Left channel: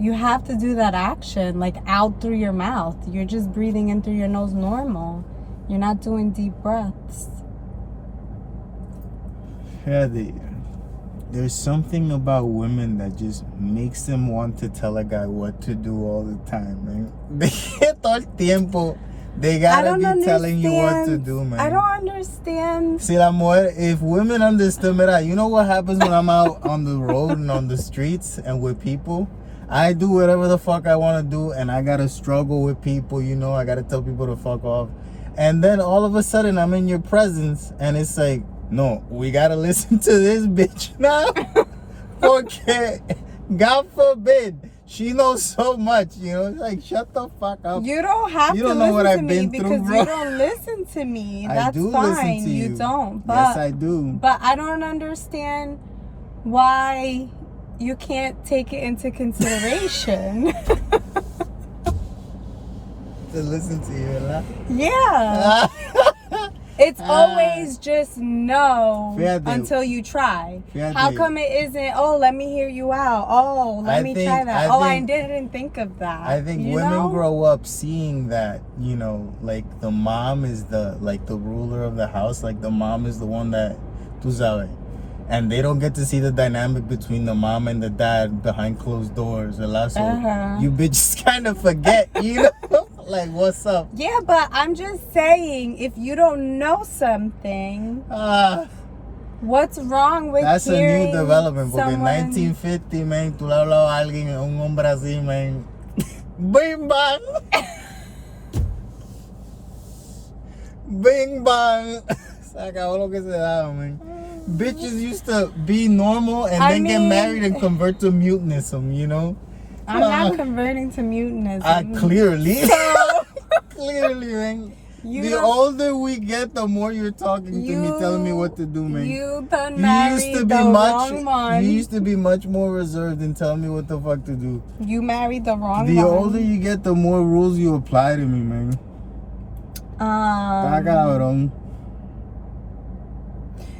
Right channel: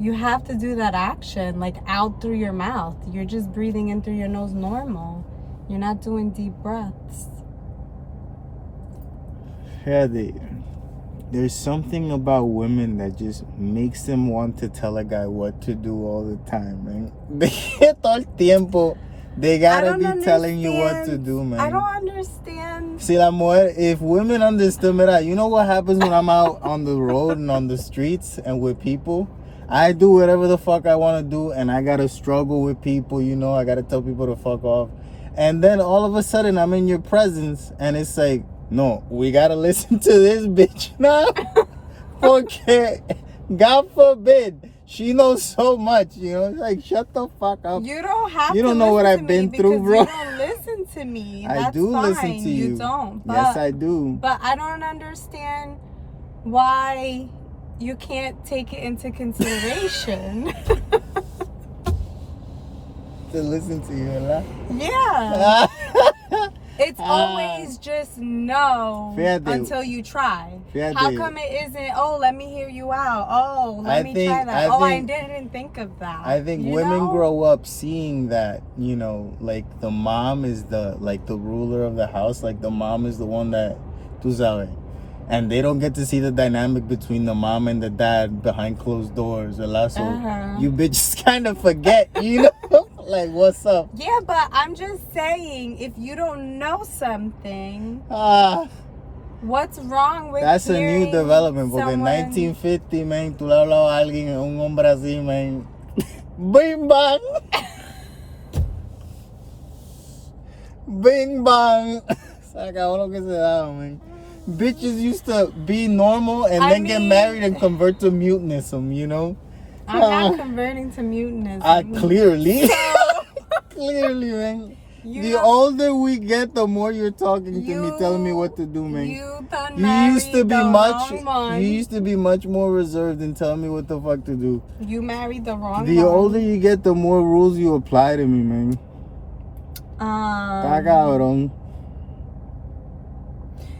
You have to do that action, like out through your mouth. You're just breathing in through your nose normal. You're not doing deep breaths. Yeah, there's something about women that just makes them want to tell a guy what to do all the time, man. Todo el tiempo, they gotta be telling you what to do, man. I don't understand. See, la mujer, if women understood, mira, you know what happens when I'm out on the road and on the streets and with people? I do whatever the fuck I want to do, and I gotta struggle with people, you know, I gotta tell people to fuck off. And then all of a sudden, I'm in your presence, and it's like, no, we gotta listen to this bitch now. Porque, God forbid, she knows so much, you know. It's like, shut the fuck up. You don't have to. You don't know what I've been through, bro. You don't listen to me. That's I do fine. listen to you. You don't. But, yes, I do. But I don't understand why you can't take it into consideration. To listen to you, huh? Yeah. It's always just no until you try. How come it isn't, oh, let me hear you out. Oh, let me try that. I didn't think of that. I think women grow up seeing that, you know, like the mom is the ruler of the house. Like the mom is the one that, tú sabes. And they don't get to see the dynamic between the mom and the dad behind closed doors. So you bitches kind of forget, you know? Like, what's up? Yeah, but I'm just saying, if you don't know something, what's wrong with that's a new development. Porque en 1950, man, tú le hablabas a alguien, un hombre así, man. Bing bang! Bing bang! Se acabó lo que se daba, man. Bitches used to be normal and then get married and convert to mutinism, you know? I'm not converting to mutinism. Clearly. Clearly, man. The older we get, the more you're talking to me, telling me what to do, man. You used to be much more reserved and telling me what the fuck to do. You married the wrong one. The older you get, the more rules you apply to me, man. Está cabrón.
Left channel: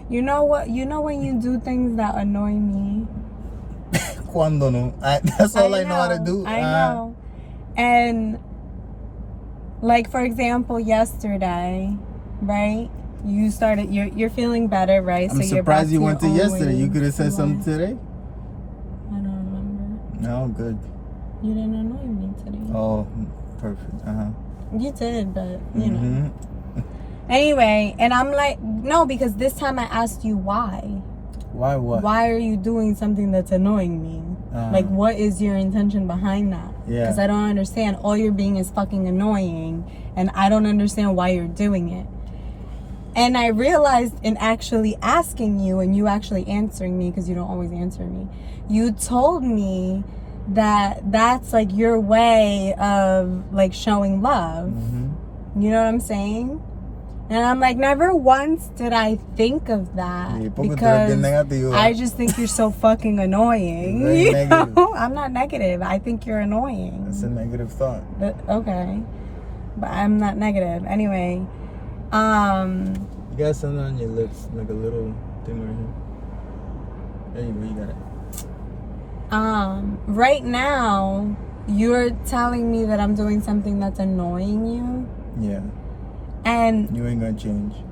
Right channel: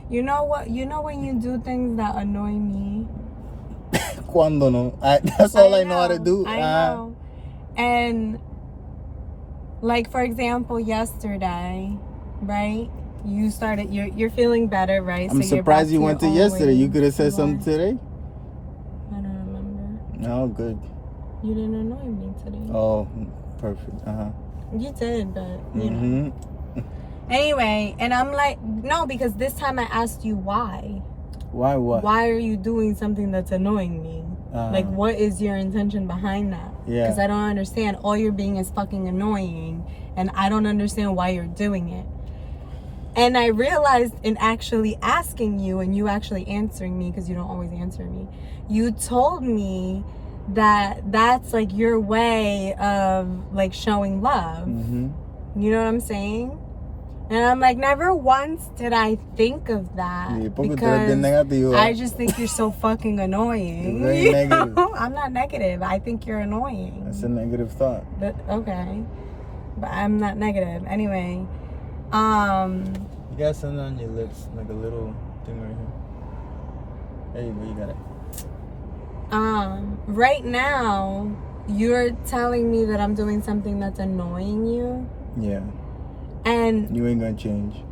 You know what? You know when you do things that annoy me? Cuando no. That's all I know how to do. I know. And, like, for example, yesterday, right? You started, you're feeling better, right? I'm surprised you went to yesterday. You could have said something today. I don't remember. No, good. You didn't annoy me today. Oh, perfect. You did, but, you know. Anyway, and I'm like, no, because this time I asked you why. Why what? Why are you doing something that's annoying me? Like, what is your intention behind that? Yeah. Because I don't understand. All you're being is fucking annoying, and I don't understand why you're doing it. And I realized in actually asking you, and you actually answering me, because you don't always answer me, you told me that that's like your way of like showing love. You know what I'm saying? And I'm like, never once did I think of that, because I just think you're so fucking annoying. Very negative. I'm not negative. I think you're annoying. It's a negative thought. Okay. But I'm not negative. Anyway. You got something on your lips, like a little thing right here. There you go, you got it. Right now, you're telling me that I'm doing something that's annoying you. Yeah. And you ain't gonna change.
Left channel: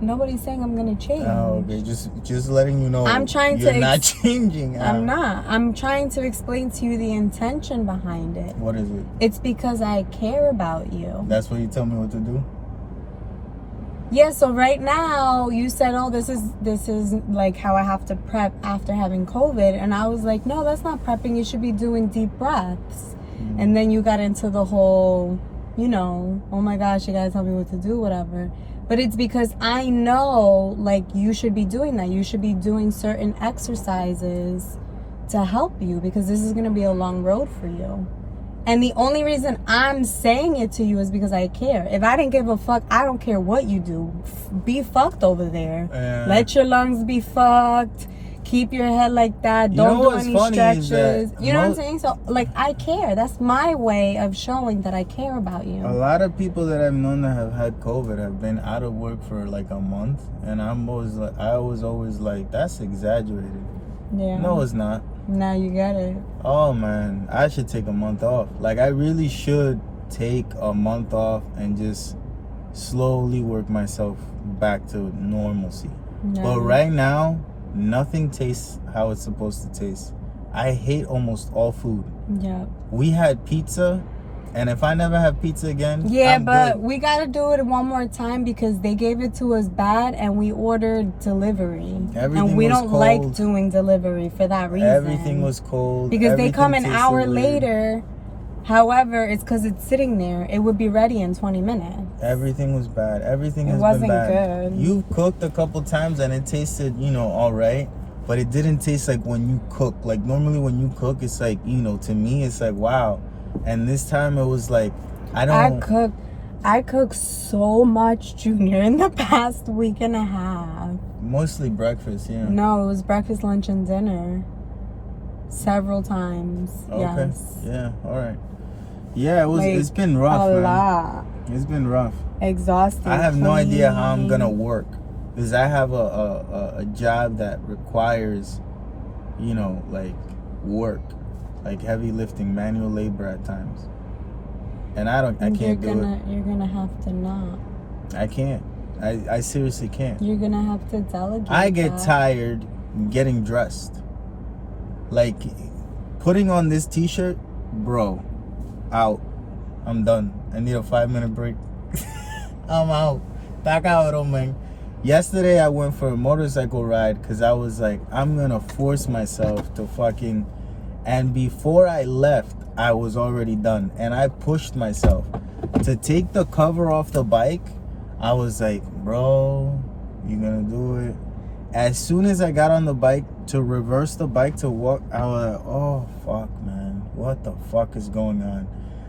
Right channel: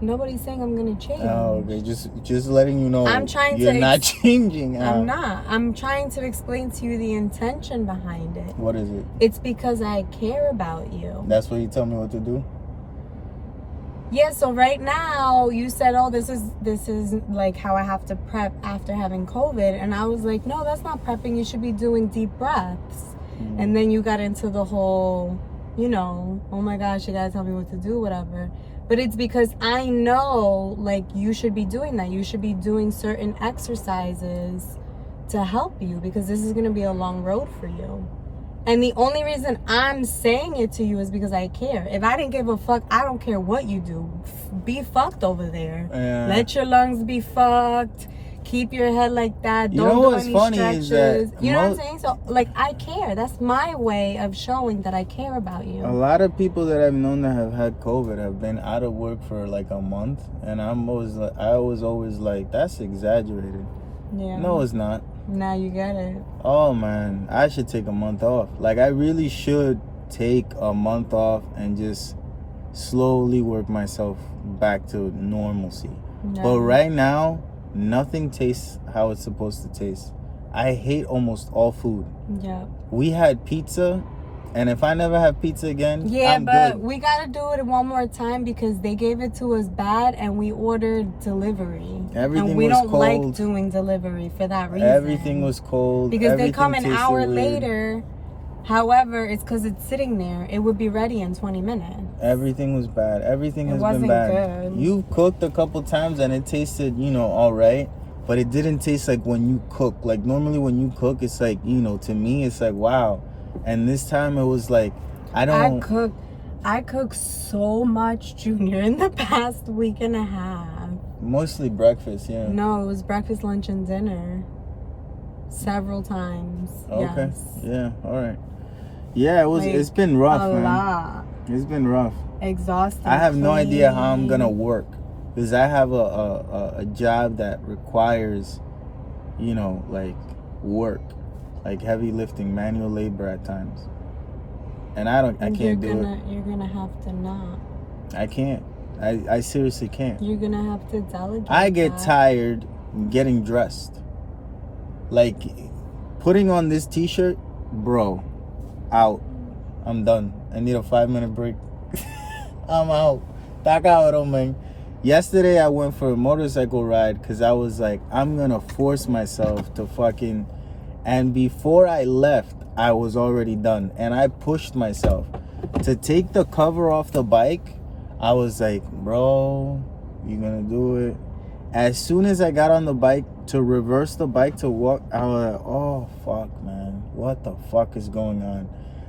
Nobody's saying I'm gonna change. Oh, okay. Just letting you know. I'm trying you're not changing. I'm not. I'm trying to explain to you the intention behind it. What is it? It's because I care about you. That's what you tell me what to do? Yeah, so right now you said, oh, this is like how I have to prep after having COVID, and I was like, no, that's not prepping. You should be doing deep breaths. And then you got into the whole, you know, oh my gosh, you gotta tell me what to do, whatever. But it's because I know, like, you should be doing that. You should be doing certain exercises to help you, because this is gonna be a long road for you. And the only reason I'm saying it to you is because I care. If I didn't give a fuck, I don't care what you do. Be fucked over there. Yeah. Let your lungs be fucked. Keep your head like that. Don't do any stretches. You know what I'm saying? So, like, I care. That's my way of showing that I care about you. A lot of people that I've known that have had COVID have been out of work for like a month, and I was always like, that's exaggerated. Yeah. No, it's not. Now you get it. Oh man, I should take a month off. Like I really should take a month off and just slowly work myself back to normalcy. Yeah. But right now, nothing tastes how it's supposed to taste. I hate almost all food. Yeah. We had pizza, and if I never have pizza again, Yeah, I'm but good. we gotta do it one more time because they gave it to us bad and we ordered delivery. Everything and we was don't cold. like doing delivery for that reason. Everything was cold. Because they Everything come an tasted hour weird. later. However, it's because it's sitting there. It would be ready in 20 minutes. Everything was bad. Everything It has wasn't been bad. good. You've cooked a couple times and it tasted, all right. But it didn't taste like when you cook. Like normally when you cook, it's like, to me, it's like, wow. And this time it was like, I cooked so much, Junior, in the past week and a half. Mostly breakfast, yeah. No, it was breakfast, lunch, and dinner. Several times. Okay. Yes. Yeah, all right. Yeah, it's been A rough, man. lot. It's been rough. Exhausting. I have no idea how I'm gonna work. Because I have a job that requires, like work. Like heavy lifting, manual labor at times. And I can't do it. You're gonna have to not. I can't. I seriously can't. You're gonna have to delegate. I get that. tired getting dressed. Like putting on this t-shirt, bro, out. I'm done. I need a 5-minute break. I'm out. Tá cabrón, man. Yesterday I went for a motorcycle ride because I was like, I'm gonna force myself to fucking, and before I left, I was already done. And I pushed myself to take the cover off the bike. I was like, bro, you gonna do it? As soon as I got on the bike to reverse the bike to walk, I was like, oh fuck, man, what the fuck is going on?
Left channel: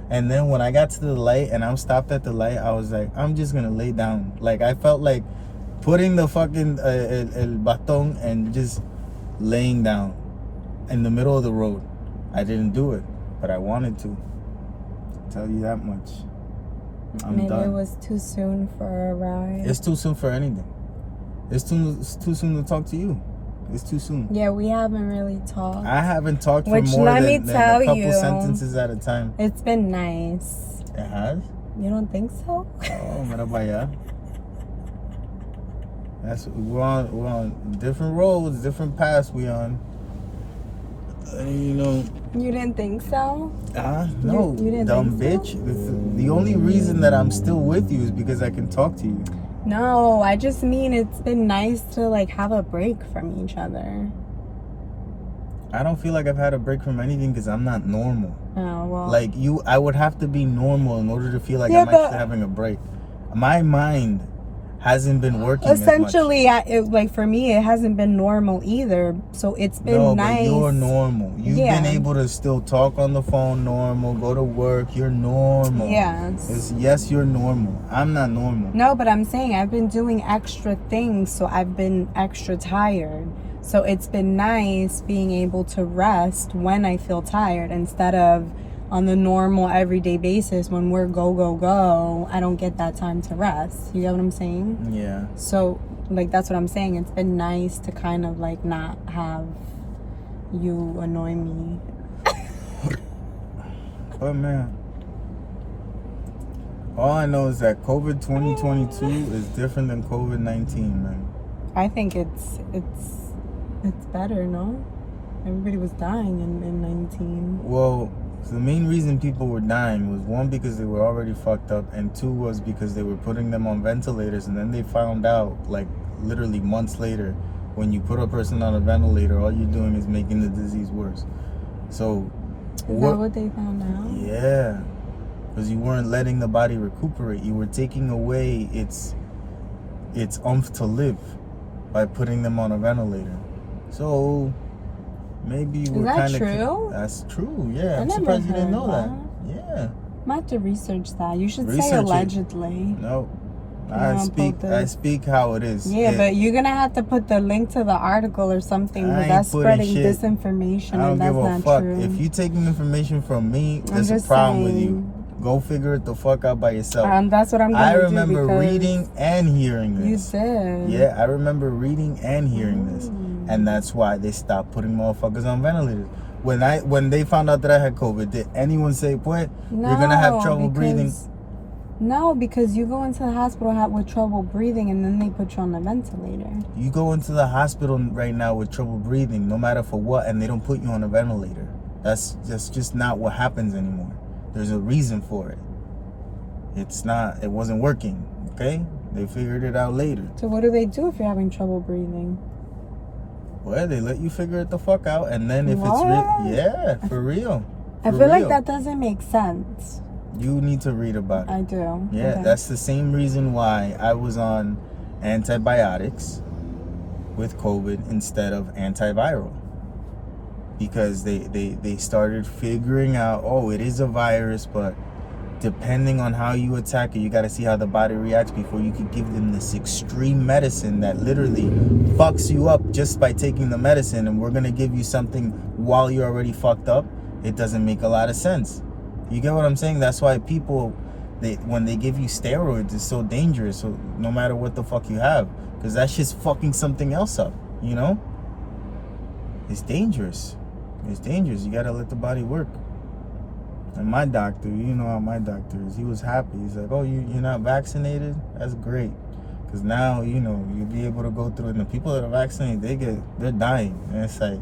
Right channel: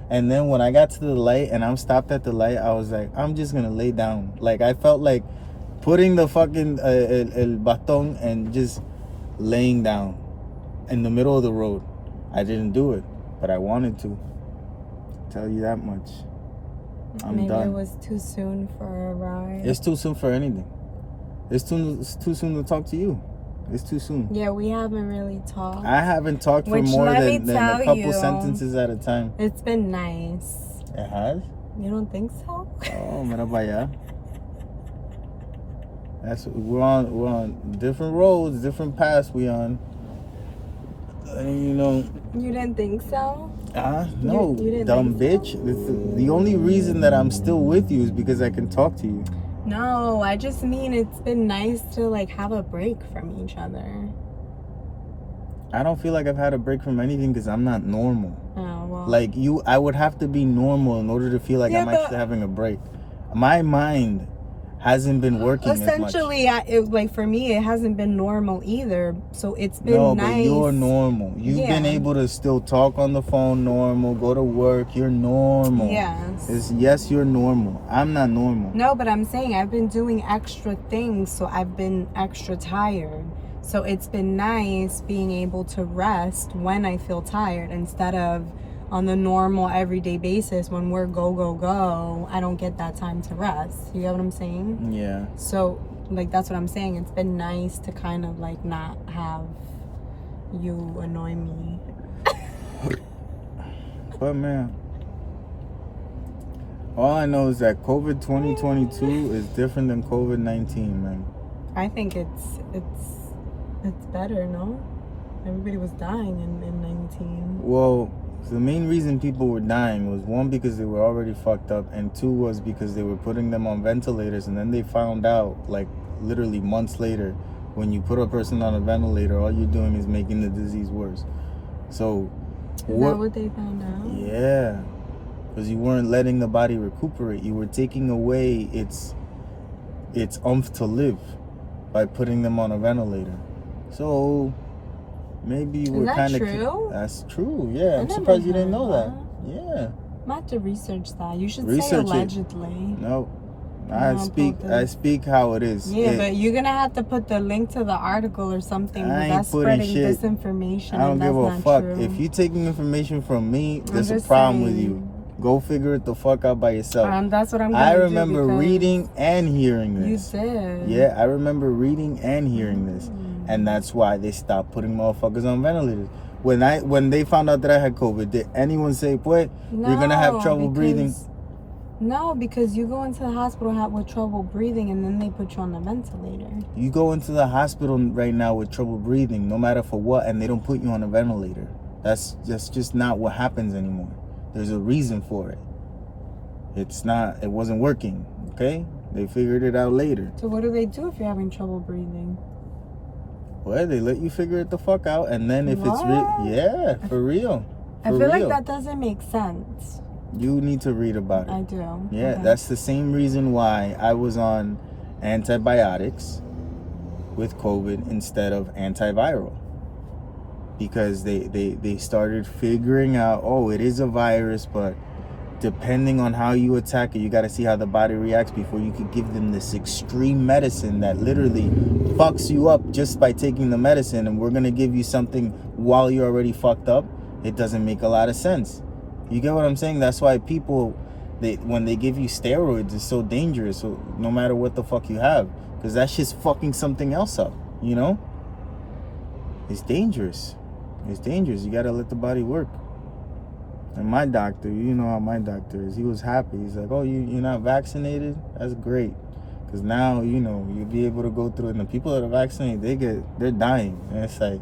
And then when I got to the light and I'm stopped at the light, I was like, I'm just gonna lay down. Like I felt like putting the fucking el baton and just laying down in the middle of the road. I didn't do it, but I wanted to. I'll tell you that much. I'm done. Maybe it was too soon for a ride. It's too soon for anything. It's too soon to talk to you. It's too soon. Yeah, we haven't really talked. I haven't talked for Which, more let me than a tell couple you, sentences at a time. It's been nice. It has? You don't think so? Oh, mira para allá. We're on different roads, different paths we on. And You didn't think so? no, You didn't dumb think so? bitch. The only reason that I'm still with you is because I can talk to you. No, I just mean it's been nice to like have a break from each other. I don't feel like I've had a break from anything because I'm not normal. Oh, well. Like you, I would have to be normal in order to feel like Yeah, I'm actually having a break. My mind hasn't been working essentially, as much. like for me, it hasn't been normal either. So it's been No, nice. but you're normal. You've been Yeah. able to still talk on the phone normal, go to work. You're normal. Yes. Yes, you're normal. I'm not normal. No, but I'm saying I've been doing extra things, so I've been extra tired. So it's been nice being able to rest when I feel tired instead of on the normal everyday basis when we're go, I don't get that time to rest. You get what I'm saying? Yeah. So, like, that's what I'm saying. It's been nice to kind of, like, not have you annoy me. But, man, all I know is that COVID 2022 is different than COVID 19, man. I think it's better, no? Everybody was dying in 19. Well, the main reason people were dying was one, because they were already fucked up, and two was because they were putting them on ventilators, and then they found out, like, literally months later, when you put a person on a ventilator, all you're doing is making the disease worse. So, Is that what they found out? Yeah, because you weren't letting the body recuperate. You were taking away its oomph to live by putting them on a ventilator. So maybe we're kind of. True? That's true. Yeah, I'm never surprised you didn't heard know that. Yeah. I'm have to research that. You should say Research it. allegedly. No, Yeah, I speak how it is. Yeah, but you're gonna have to put the link to the article or something. I Because ain't that's putting spreading shit. disinformation. I don't and give a that's fuck. not true. If you taking information from me, I'm there's a just problem with you. saying. Go figure it the fuck out by yourself. That's what I'm gonna I do remember because reading and hearing this. You did. Yeah, I remember reading and hearing this. And that's why they stopped putting motherfuckers on ventilators. When they found out that I had COVID, did anyone say, "Boy, you're gonna have trouble breathing"? No, because you go into the hospital with trouble breathing, and then they put you on the ventilator. You go into the hospital right now with trouble breathing, no matter for what, and they don't put you on a ventilator. That's just not what happens anymore. There's a reason for it. It wasn't working, okay? They figured it out later. So what do they do if you're having trouble breathing? Well, they let you figure it the fuck out, and then if it's for real. I feel like that doesn't make sense. You need to read about it. I do. Yeah, okay. That's the same reason why I was on antibiotics with COVID instead of antiviral. Because they started figuring out, it is a virus, but depending on how you attack it, you got to see how the body reacts before you could give them this extreme medicine that literally fucks you up just by taking the medicine, and we're going to give you something while you're already fucked up. It doesn't make a lot of sense. You get what I'm saying? That's why people, when they give you steroids, it's so dangerous. So no matter what the fuck you have, because that shit's fucking something else up, you know? It's dangerous. It's dangerous. You gotta let the body work. And my doctor, you know how my doctor is. He was happy. He's like, "Oh, you're not vaccinated? That's great. Because now, you'll be able to go through it. And the people that are vaccinated, they're dying." And it's like,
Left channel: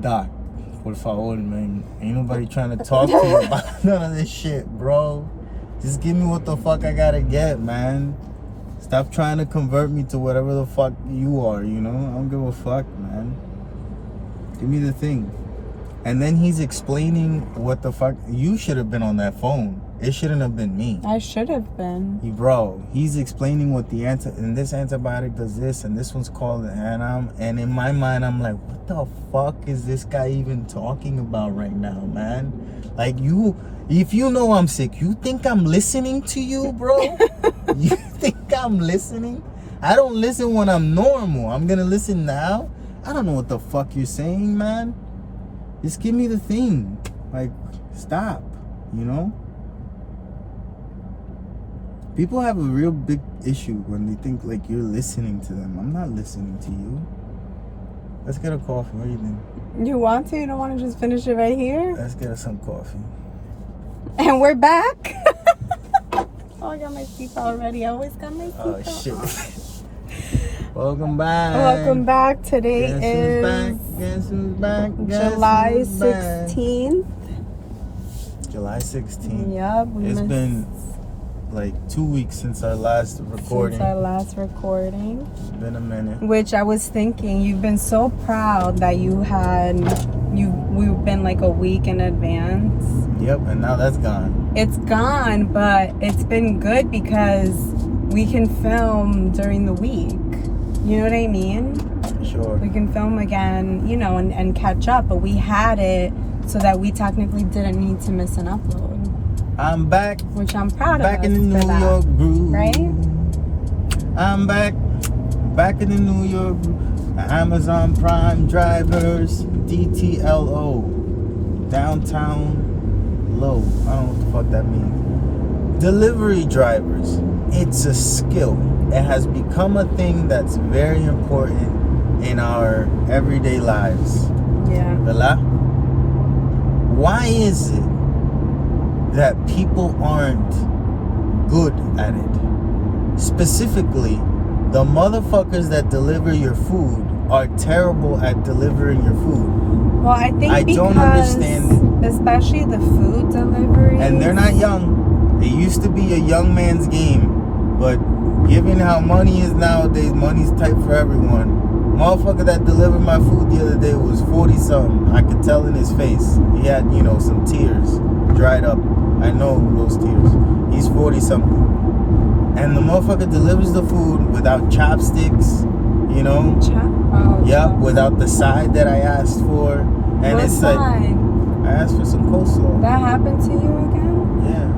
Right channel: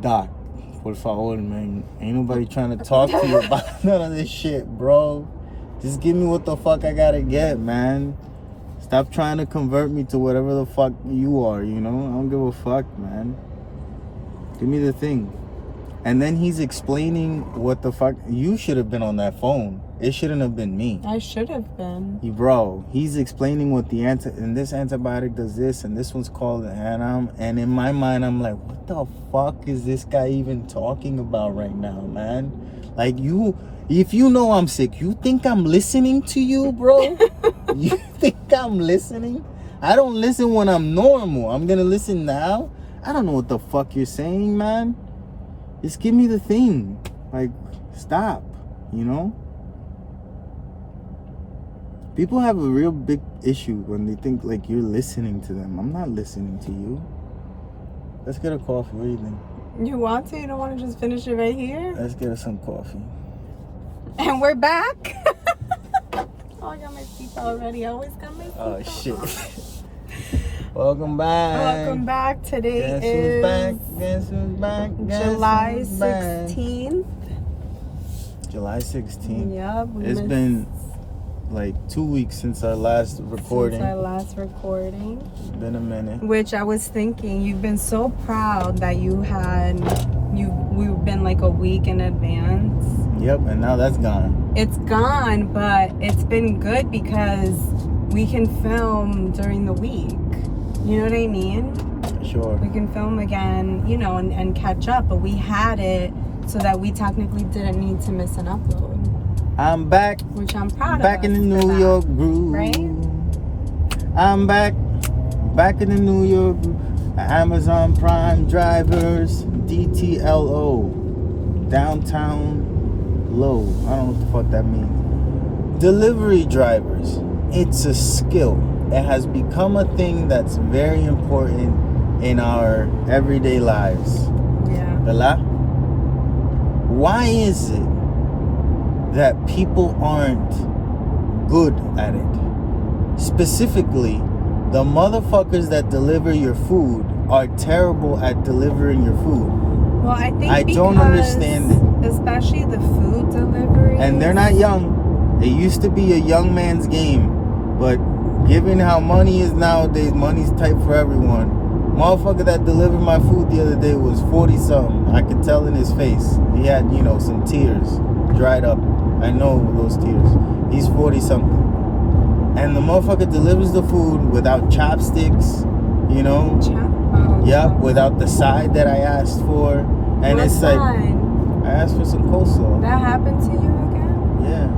"Doc, por favor, man. Ain't nobody trying to talk to you about none of this shit, bro. Just give me what the fuck I gotta get, man. Stop trying to convert me to whatever the fuck you are, I don't give a fuck, man. Give me the thing." And then he's explaining what the fuck. You should have been on that phone. It shouldn't have been me. I should have been. He's explaining what and this antibiotic does this, and this one's called, and in my mind, I'm like, what the fuck is this guy even talking about right now, man? Like, if you know I'm sick, you think I'm listening to you, bro? You think I'm listening? I don't listen when I'm normal. I'm gonna listen now? I don't know what the fuck you're saying, man. Just give me the thing. Like, stop, People have a real big issue when they think like you're listening to them. I'm not listening to you. Let's get a coffee. What do you think? You want to? You don't want to just finish it right here? Let's get us some coffee. And we're back. Oh, I got my seatbelt already. I always got my seatbelt. Oh, shit. Welcome back. Welcome back. Today Guess is who's back? Guess who's back? Guess July who's back? 16th. July 16th. Yep. It's been like 2 weeks since our last recording. It's been a minute. Which I was thinking, you've been so proud that we've been like a week in advance. Yep, and now that's gone. It's gone, but it's been good because we can film during the week. You know what I mean? Sure. We can film again, and catch up, but we had it so that we technically didn't need to miss an upload. I'm back. Which I'm proud of. Back in the New York groove. Right? I'm back in the New York groove. Amazon Prime drivers, DTLO, downtown low. I don't know what the fuck that means. Delivery drivers. It's a skill. It has become a thing that's very important in our everyday lives. Yeah. ¿Verdad? Why is it that people aren't good at it? Specifically, the motherfuckers that deliver your food are terrible at delivering your food. Well, I think I don't understand it. Especially the food delivery. And they're not young. It used to be a young man's game, but given how money is nowadays, money's tight for everyone. Motherfucker that delivered my food the other day was 40-something. I could tell in his face. He had, some tears dried up. I know those tears. He's 40-something. And the motherfucker delivers the food without chopsticks, Yep, without the side that I asked for. And what it's side? like, I asked for some coleslaw. That happened to you again? Yeah.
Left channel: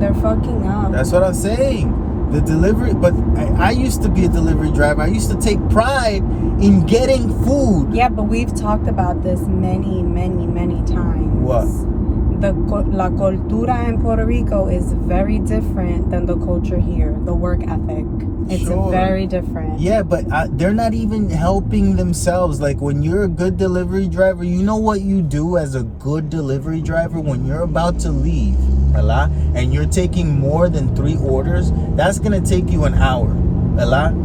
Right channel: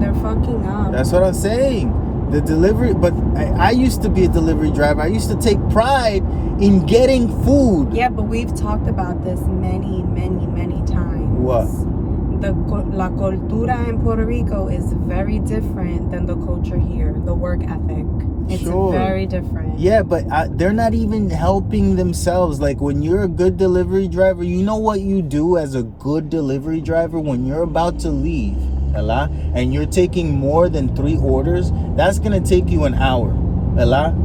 They're fucking up. That's what I'm saying. The delivery, but I used to be a delivery driver. I used to take pride in getting food. Yeah, but we've talked about this many, many, many times. What? la cultura in Puerto Rico is very different than the culture here. The work ethic, it's very different. Yeah, but they're not even helping themselves. Like when you're a good delivery driver, you know what you do as a good delivery driver when you're about to leave, and you're taking more than 3 orders. That's gonna take you an hour,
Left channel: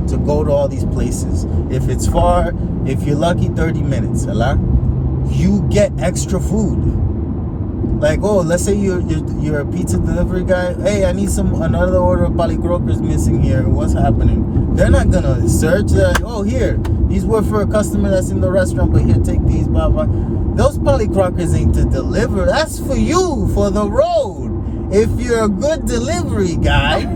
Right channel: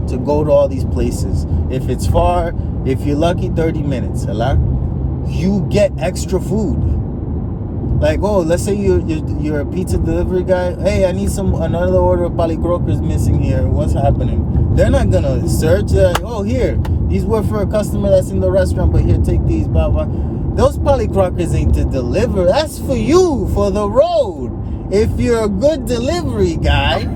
to go to all these places. If it's far, if you're lucky, 30 minutes, you get extra food. Like, oh, let's say you're a pizza delivery guy. Hey, I need another order of palicrocas missing here. What's happening? They're not gonna search. They're like, oh, here, these were for a customer that's in the restaurant, but here, take these, blah blah. Those palicrocas ain't to deliver. That's for you, for the road. If you're a good delivery guy,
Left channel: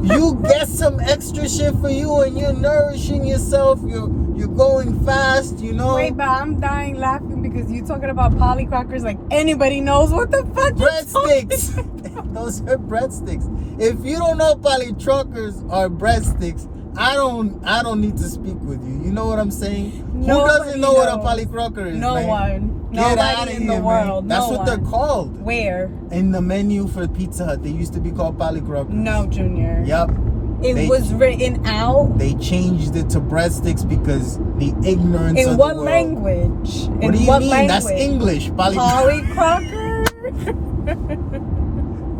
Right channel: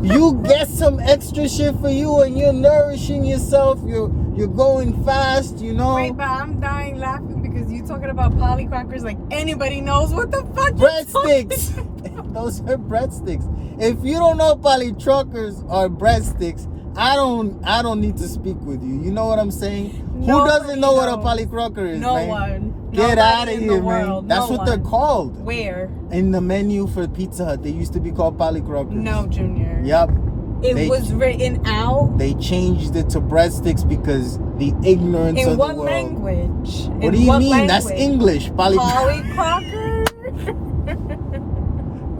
you get some extra shit for you, and you're nourishing yourself. You're going fast, you know. Wait, but I'm dying laughing because you're talking about polycrackers like anybody knows what the fuck. Breadsticks. Those are breadsticks. If you don't know polytruckers or breadsticks, I don't need to speak with you. You know what I'm saying? Who doesn't know what a polycrocker is? No man? one. Get out of here, man. That's what they're called. Where? In the menu for Pizza Hut, they used to be called polycrockers. No, Junior. Yep. It was written out. They changed it to breadsticks because the ignorance of the world. In what language? What do you mean? That's English. Polycrocker?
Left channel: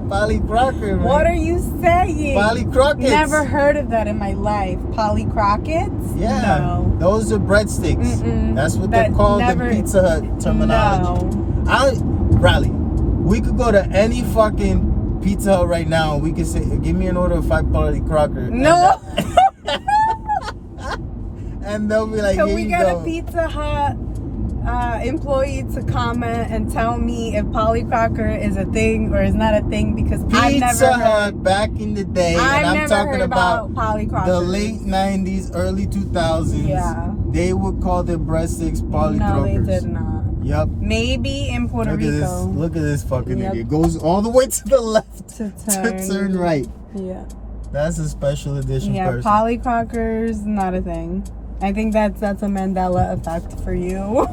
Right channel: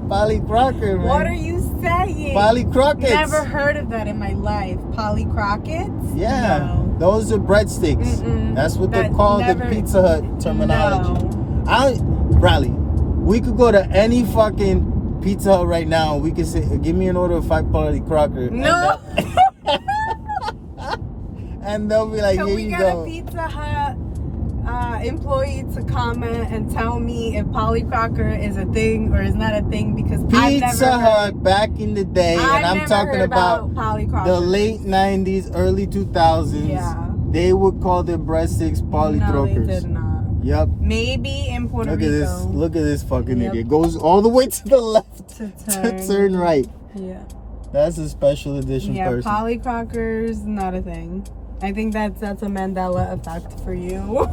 Polycrocker, man. What are you saying? Polycrockets. Never heard of that in my life. Polycrockets? Yeah. No. Those are breadsticks. That's what they're called in Pizza Hut terminology. No. Riley, we could go to any fucking Pizza Hut right now. We could say, give me an order of 5 polycrocker. No. And they'll be like, Can here we you get go. a Pizza Hut employee to comment and tell me if polycrocker is a thing or is not a thing? Because Pizza Hut back in the day, and I'm talking about the late 90s, early 2000s. Yeah. They would call their breadsticks polycrockers. No, they did not. Yep. Maybe in Puerto Look Rico. at this. Look at this fucking idiot. Goes all the way to the left to turn right. Yeah. That's a special edition person. Yeah, polycrockers, not a thing. I think that's a Mandela effect for you.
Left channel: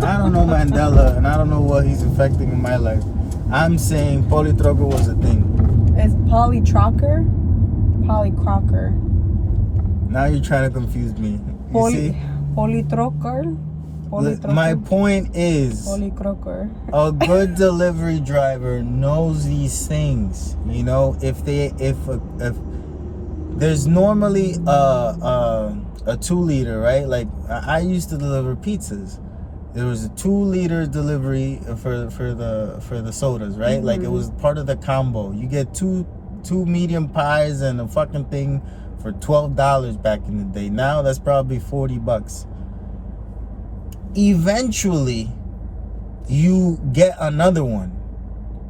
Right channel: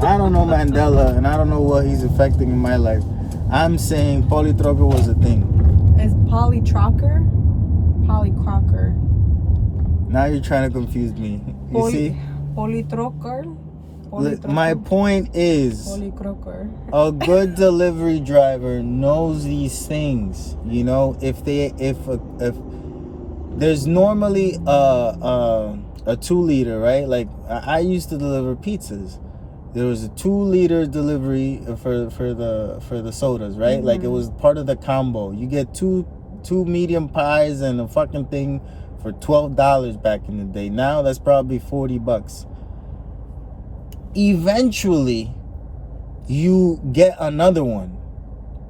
I don't know Mandela, and I don't know what he's affecting in my life. I'm saying polytrocker was a thing. Is polytrocker? Polycrocker. Now you're trying to confuse me. You see? Polytrocker? My point is, polycrocker. A good delivery driver knows these things. You know, if there's normally a 2-liter, right? Like I used to deliver pizzas. There was a 2-liter delivery for the sodas, right? Like it was part of the combo. You get two medium pies and a fucking thing for $12 back in the day. Now that's probably $40. Eventually, you get another one.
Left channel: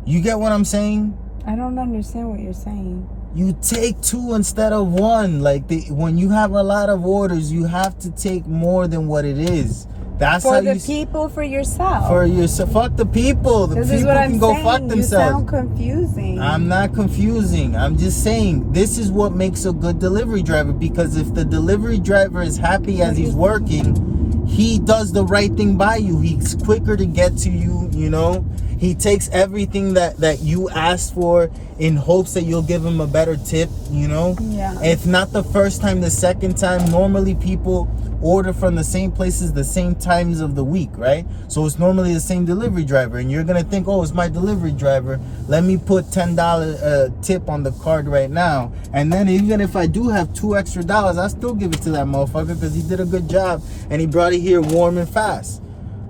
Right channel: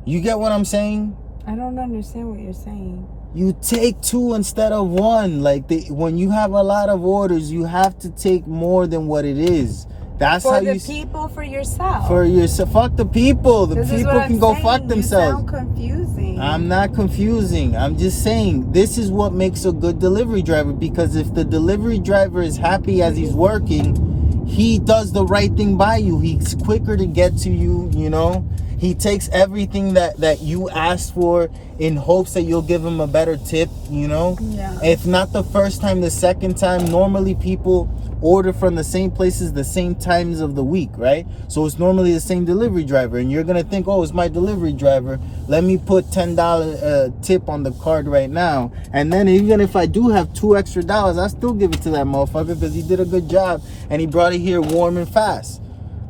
You get what I'm saying? I don't understand what you're saying. You take 2 instead of 1. Like when you have a lot of orders, you have to take more than what it is. That's for how the you people, for yourself. For yourself. Fuck the people. The people can go fuck themselves. You sound confusing. I'm not confusing. I'm just saying this is what makes a good delivery driver, because if the delivery driver is happy as he's working, he does the right thing by you. He's quicker to get to you, you know. He takes everything that you asked for in hopes that you'll give him a better tip, you know. Yeah. If not the first time, the second time. Normally people order from the same places the same times of the week, right? So it's normally the same delivery driver, and you're gonna think, oh, it's my delivery driver, let me put $10 tip on the card right now. And then even if I do have $2 extra, I still give it to that motherfucker because he did a good job and he brought it here warm and fast.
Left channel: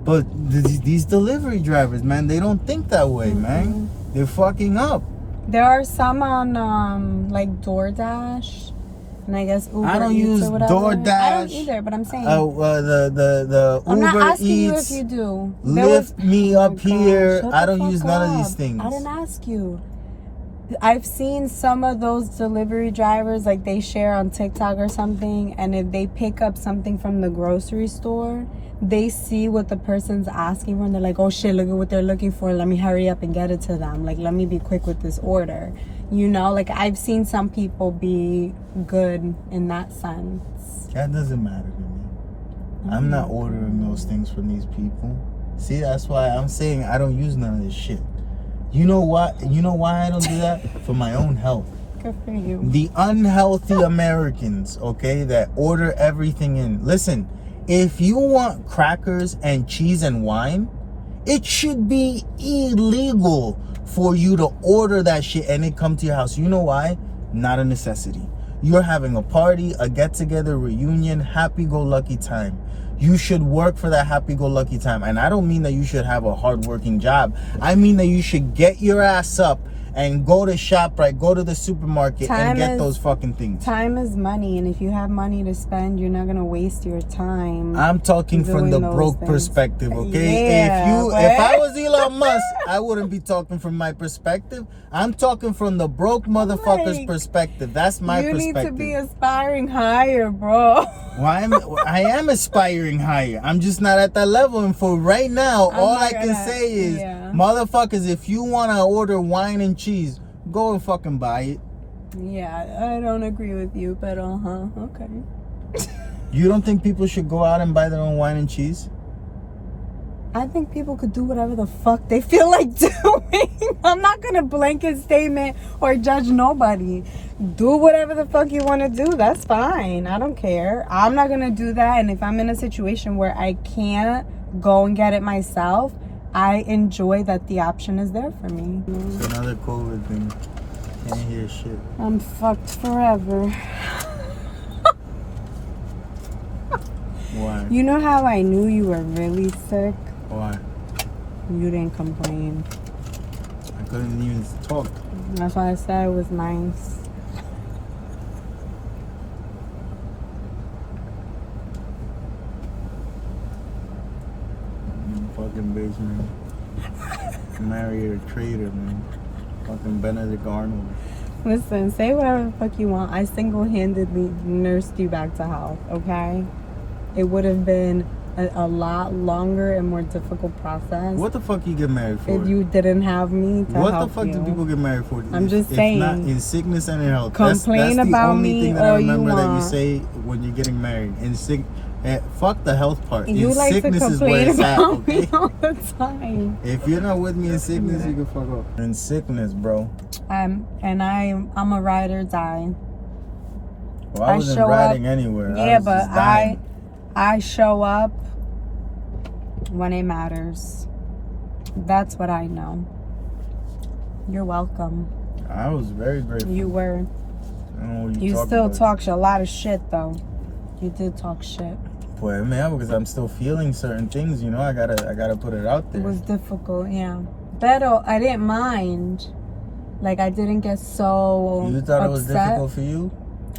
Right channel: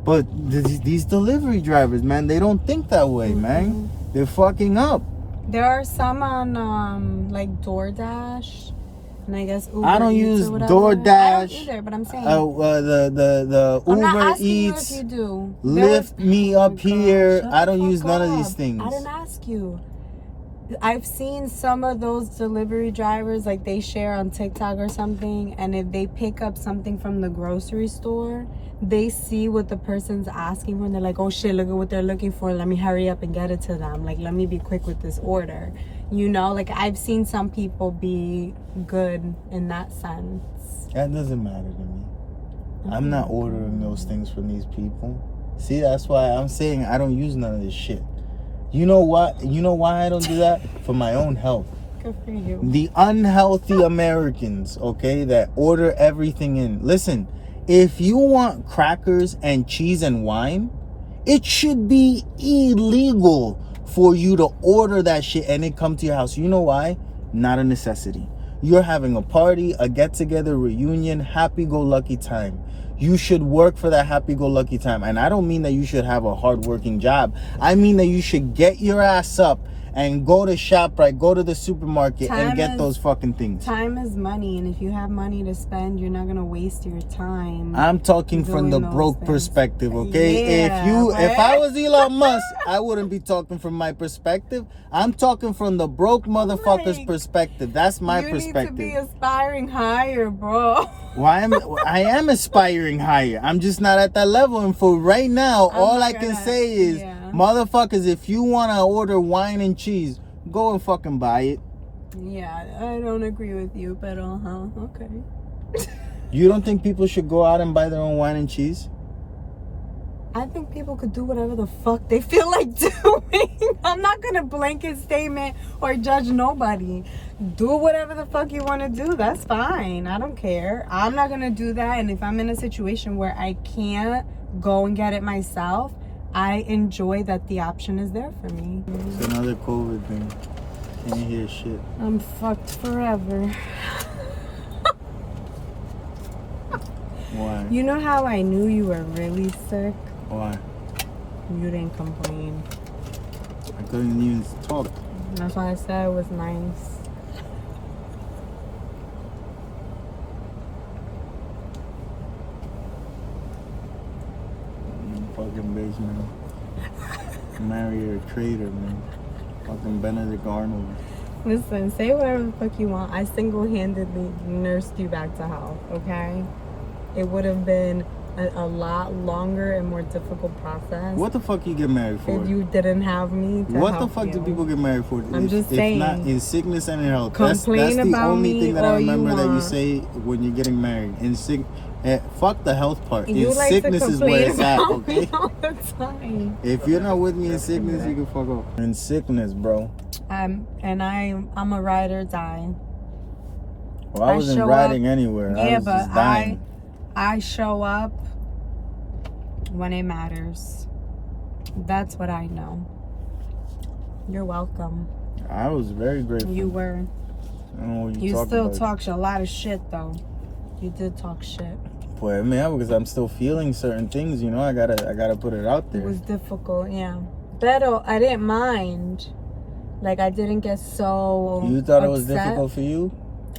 But these delivery drivers, man, they don't think that way, man. They're fucking up. There are some on like DoorDash, and I guess Uber I don't Eats use or whatever. DoorDash. I don't either, but I'm saying. The I'm not Uber asking Eats. you if you do. Lift me up here. Shut I the don't use fuck none of up. these things. I didn't ask you. I've seen some of those delivery drivers, like they share on TikTok or something, and if they pick up something from the grocery store, they see what the person's asking for, and they're like, oh shit, look at what they're looking for. Let me hurry up and get it to them. Like, let me be quick with this order. You know, like I've seen some people be good in that sense. That doesn't matter to me. I'm not ordering those things from these people. See, that's why I'm saying I don't use none of this shit. You know what? You know why I don't do that? For my own health. Good for you. The unhealthy Americans, okay, that order everything in. Listen, if you want crackers and cheese and wine, it should be illegal for you to order that shit and it come to your house. You know why? Not a necessity. You're having a party, a get-together, reunion, happy-go-lucky time. You should work for that happy-go-lucky time. And I don't mean that you should have a hard-working job. I mean that you should get your ass up and go to ShopRite, go to the supermarket and get those fucking things. Time is money, and if you have money to spend, you're not gonna waste your time. I'm talking from the broke perspective, okay? Yeah, if I was Elon Musk, I wouldn't be talking from my perspective. I'm talking from the broke motherfucker's perspective. That's my perspective. You need to be aspiring higher, bro. I am aspiring higher. I'm just not at that level. And for right now, all I can say is, motherfuckers, if you want to order wine and cheese, go and fucking buy it. Yeah, I don't agree with you, but okay. You don't think people should go out and buy their own wine and cheese? I think people could do whatever the fuck they feel like doing. I'm not gonna blanket statement or judge nobody. Do whatever the fuck you want to do. That's fine. I don't care. I'm not gonna do that. And if I'm in a situation where I can't go and get it myself, I enjoy that the option is there for me. It's another COVID thing. Can't hear shit. I'm fucked forever. Why? You know how I knew you were really sick? Why? You didn't complain. I couldn't even talk. That's why I said it was nice. Fucking bitch, man. Marry a traitor, man. Fucking Benedict Arnold. Listen, say whatever the fuck you want. I single-handedly nursed you back to health, okay? It would have been a lot longer and more difficult process. What the fuck you get married for? If you didn't have me to what help the fuck you. do people get married for? I'm just saying. If not in sickness and in health. Complain that's the about only me thing that I all you remember that you want. say when you're getting married. Fuck the health part. You in like sickness to is where it's at, complain about okay? me all the time. If you're not with me in sickness, you can fuck off. In sickness, bro. I'm a ride or die. Well, I wasn't riding anywhere. Yeah, I was but just dying. I show up when it matters. That's what I know. You're welcome. I was very grateful. You were. I don't know what You talking still about. talk a lot of shit though. You did talk shit. Boy, man, because I'm still feeling certain things, you know. I gotta put it out It there. was difficult, yeah. Pero I didn't mind. Like I didn't get so You thought upset. it was difficult for you?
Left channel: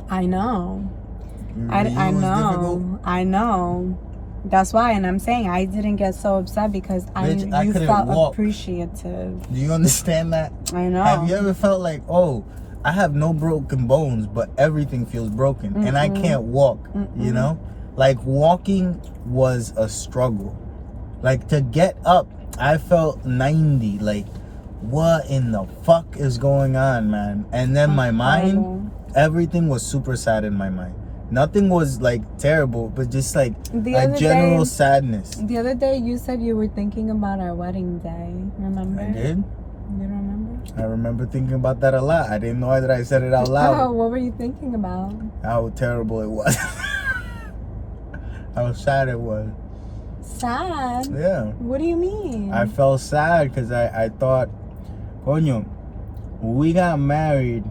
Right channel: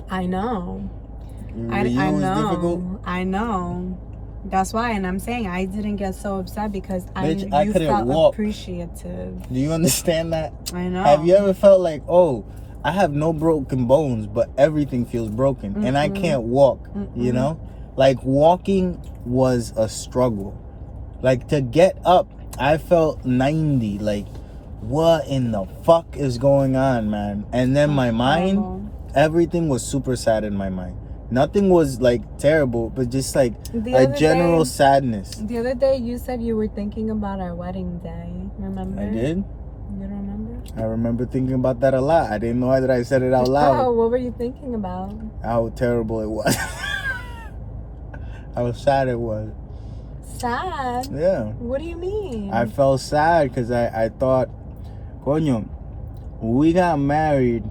I know. I I know. know. Difficult? I know. That's why, and I'm saying I didn't get so upset because Bitch, I you couldn't felt walk. appreciative. Do you understand that? I know. Have you ever felt like, oh, I have no broken bones, but everything feels broken and I can't walk, you know? Like walking was a struggle. Like to get up, I felt 90. Like, what in the fuck is going on, man? And then my mind, everything was super sad in my mind. Nothing was like terrible, but just like a general sadness. The other day you said you were thinking about our wedding day. Remember? I did. You don't remember? I remember thinking about that a lot. I didn't know that I said it out loud. Oh, what were you thinking about? How terrible it was. How sad it was. Sad? Yeah. What do you mean? I felt sad because I thought, coño, we got married,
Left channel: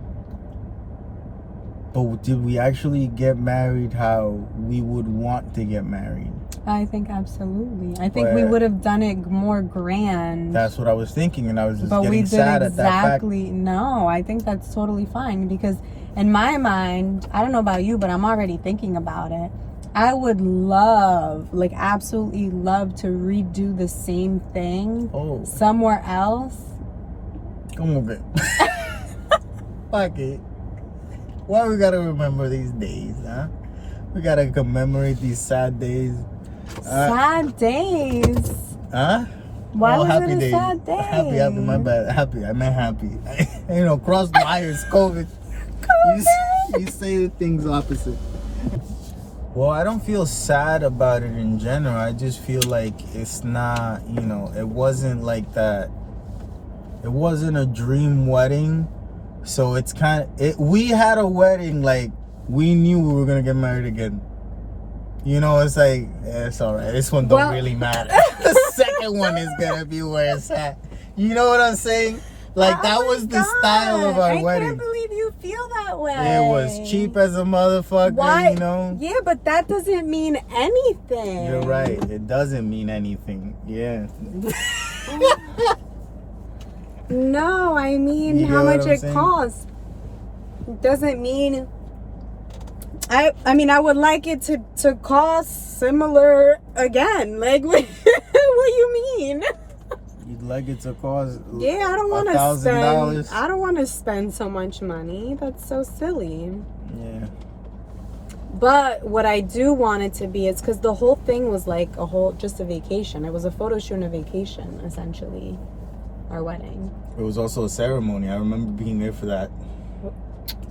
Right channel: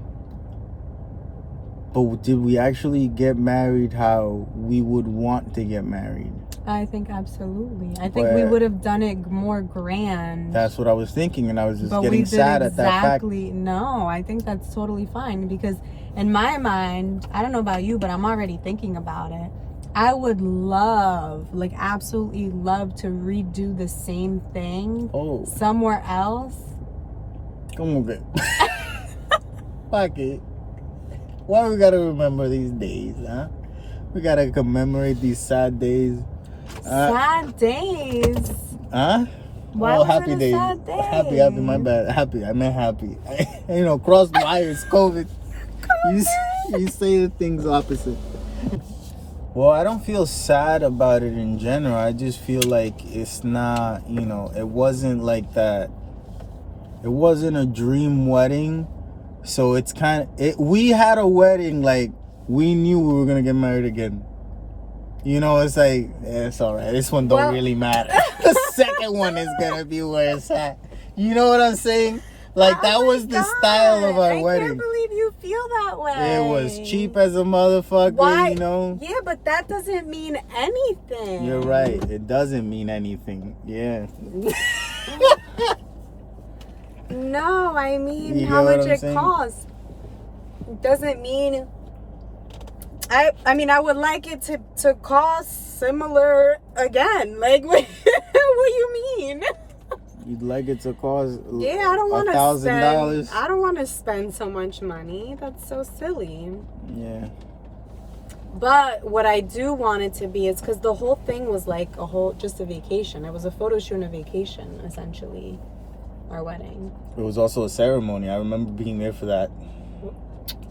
but did we actually get married how we would want to get married? I think absolutely. I think we would have done it more grand. That's what I was thinking, and I was just but getting we did sad at that fact. No, I think that's totally fine because in my mind, I don't know about you, but I'm already thinking about it. I would love, like absolutely love to redo the same thing somewhere else. Come on, babe. Fuck it. Why we gotta remember these days, huh? We gotta commemorate these sad days. Sad days? Huh? Why was happy it a days. sad day? Happy, my bad. Happy, I meant happy. You know, cross wires, COVID. You say the things opposite. Well, I don't feel sad about it in general. I just feel like it's not, you know, it wasn't like that. it wasn't a dream wedding. So it's kind of, we had a wedding like we knew we were gonna get married again. You know, it's like, it's all right. This one don't really matter. The second one is gonna be where it's at. You know what I'm saying? Like, that was the style of our wedding. I can't believe you feel that way. It was cheap as a motherfucker. Why? You know? Yeah, but that doesn't mean anything. You're right. It doesn't mean anything. Yeah. No, I mean You how get what much I'm it saying? costs. Doesn't mean. I mean, I would like it to cost similar again. Like, what you mean? You'd like it to cost Yeah, I don't want to spend. $1,000? I don't want to spend so much money. That's so silly. Yeah. But what I do want it to be is because the whole thing was like just a vacation. It was a photo shoot and a vacation, essentially. Our wedding. It was also a ceremony. I remember being there for that.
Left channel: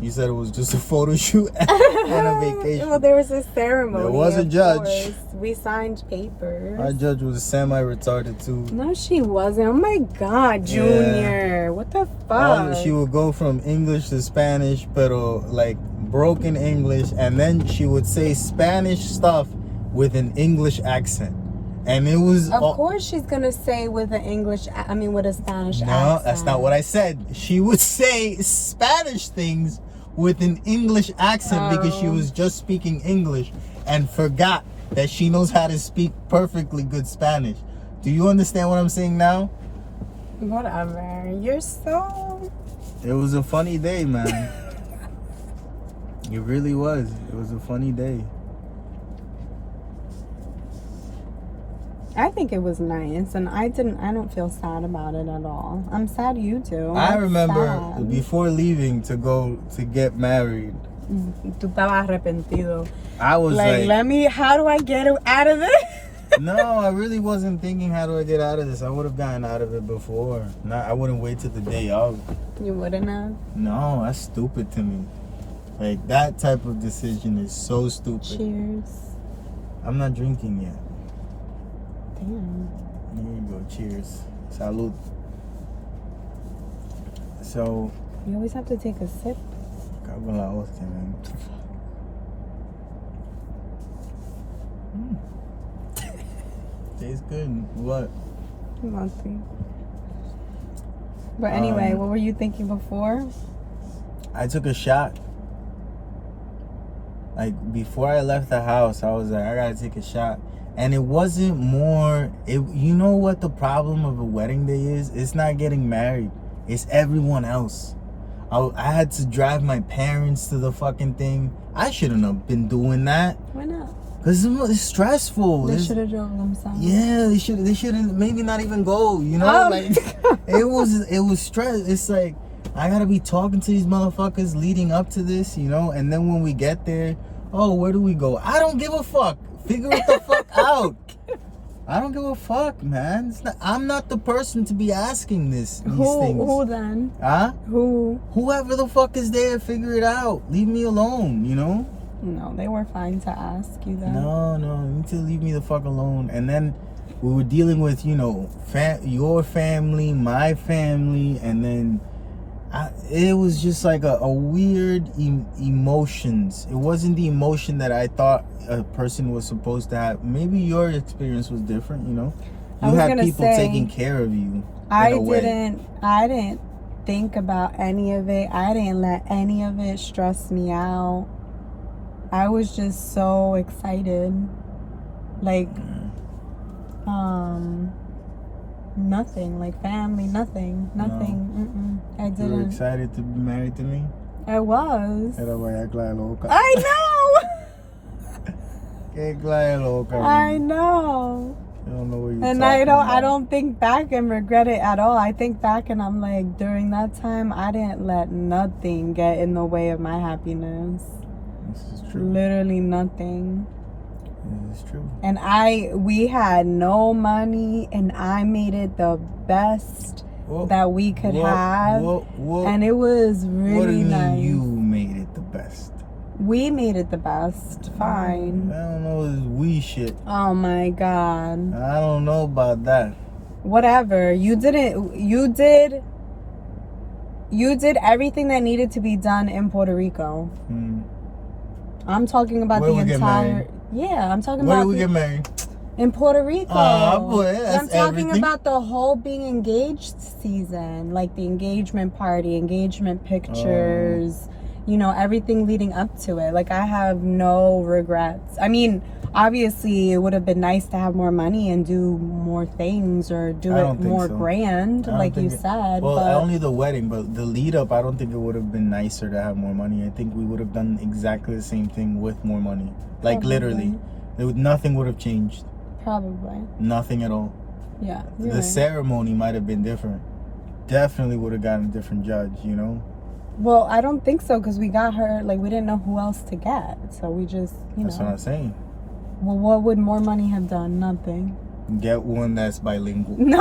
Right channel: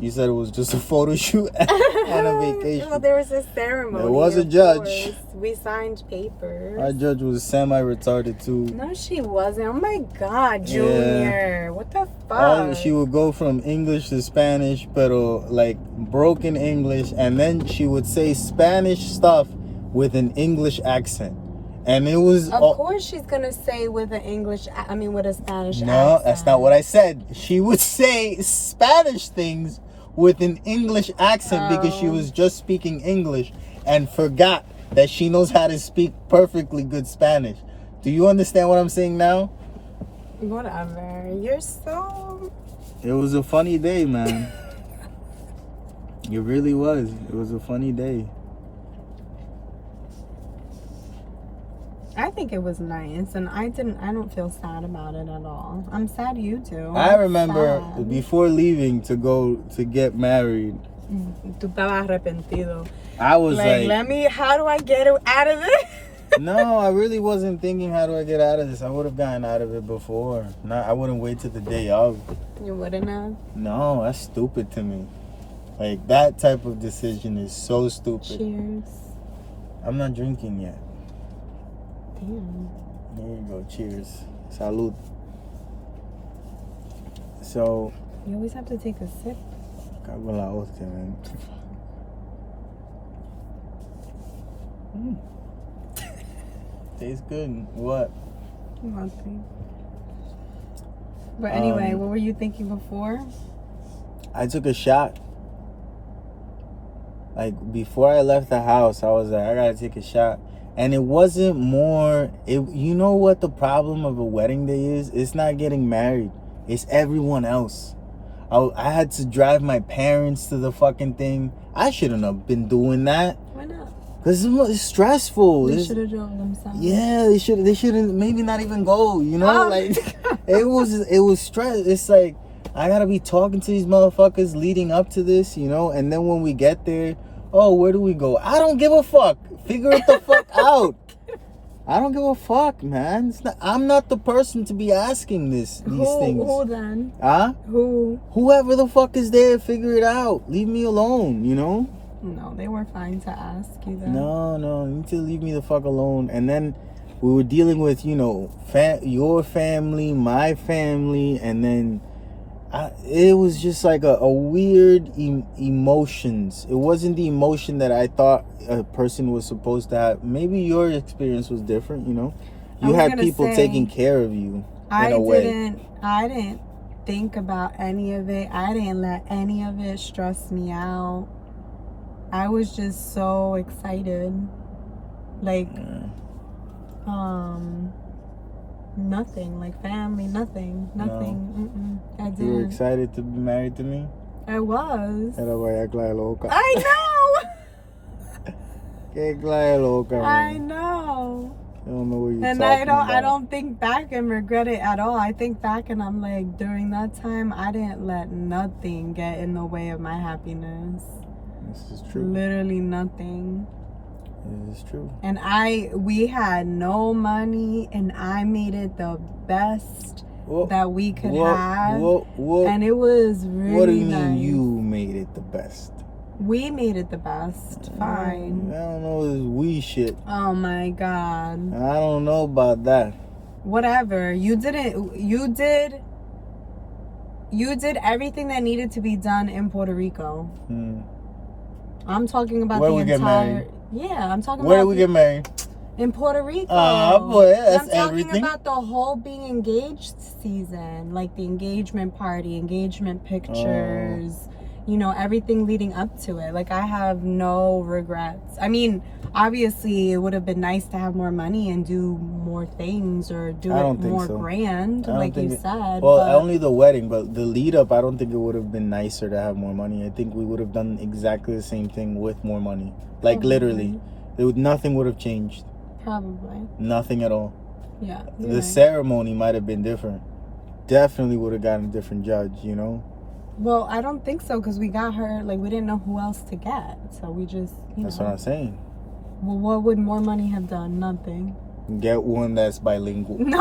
You said it was just a photo shoot and a vacation. Well, there was a ceremony. There was a of judge. course. We signed papers. Our judge was semi-retarded too. No, she wasn't. Oh my God, Junior. What the fuck? She would go from English to Spanish, but like broken English, and then she would say Spanish stuff with an English accent. And it was... Of course she's going to say with an with a Spanish accent. No, that's not what I said. She would say Spanish things with an English accent because she was just speaking English and forgot that she knows how to speak perfectly good Spanish. Do you understand what I'm saying now? Whatever. You're so... It was a funny day, man. It really was. It was a funny day. I think it was nice, and I don't feel sad about it at all. I'm sad you do. I remember before leaving to go to get married. Tú estabas arrepentido. I was like, how do I get out of this? No, I really wasn't thinking how do I get out of this. I would have gotten out of it before. I wouldn't wait till the day of. You wouldn't have? No, that's stupid to me. Like, that type of decision is so stupid. Cheers. I'm not drinking yet. Damn. Here you go. Cheers. Salud. So, You always have to take a sip. cago en la hostia, man. Tastes good. What? Nothing. But anyway, what were you thinking before? I took a shot. Like, before I left the house, I was like, I gotta take a shot. And it wasn't more, you know what the problem of a wedding day is? It's not getting married. It's everyone else. I had to drive my parents to the fucking thing. I shouldn't have been doing that. Why not? Because it's stressful. They should have drove themselves. Yeah, they shouldn't maybe not even go, you know? Oh. Like, it was stress. It's like, I gotta be talking to these motherfuckers leading up to this, you know? And then when we get there, oh, where do we go? I don't give a fuck. Figure it the fuck out. I don't give a fuck, man. I'm not the person to be asking these things. Who then? Huh? Who? Whoever the fuck is there, figure it out. Leave me alone, you know? No, they were fine to ask you that. No, you need to leave me the fuck alone. And then we were dealing with, you know, your family, my family, and then it was just like a weird emotions. It wasn't the emotion that I thought a person was supposed to have. Maybe your experience was different, you know? You had people taking care of you. I didn't think about any of it. I didn't let any of it stress me out. I was just so excited. Like, nothing. Like family, nothing. No. I didn't. You were excited to be married to me? I was. Era para loca. I know! Que clase loca. I know. I don't know what you're and talking about. I don't think back and regret it at all. I think back and I'm like, during that time, I didn't let nothing get in the way of my happiness. This is true. Literally nothing. This is true. And we had no money, and I made it the best that we could have. And it was really What do you nice. mean you made it the best? We made it the best. Fine. I don't know this we shit. Oh my God. I don't know about that. Whatever. You did You did everything that needed to be done in Puerto Rico. I'm talking about Where the we get entire. married? Yeah, I'm talking Where about. we get married? In Puerto Rico. Boy, that's I'm talking everything. about the whole being engaged season, like the engagement party, engagement pictures, you know, everything leading up to it. Like, I have no regrets. I mean, obviously, it would have been nice to have more money and do more things or do it more grand, like you said. Well, only the wedding, but the lead up, I don't think it would have been nicer to have more money. I think we would have done exactly the same thing with more money. Like, literally. Nothing would have changed. Probably. Nothing at all. Yeah. The ceremony might have been different. Definitely would have gotten a different judge, you know? Well, I don't think so, because we got her, like, we didn't know who else to get. So we just, That's what I'm saying. Well, what would more money have done? Nothing. Get one that's bilingual. No.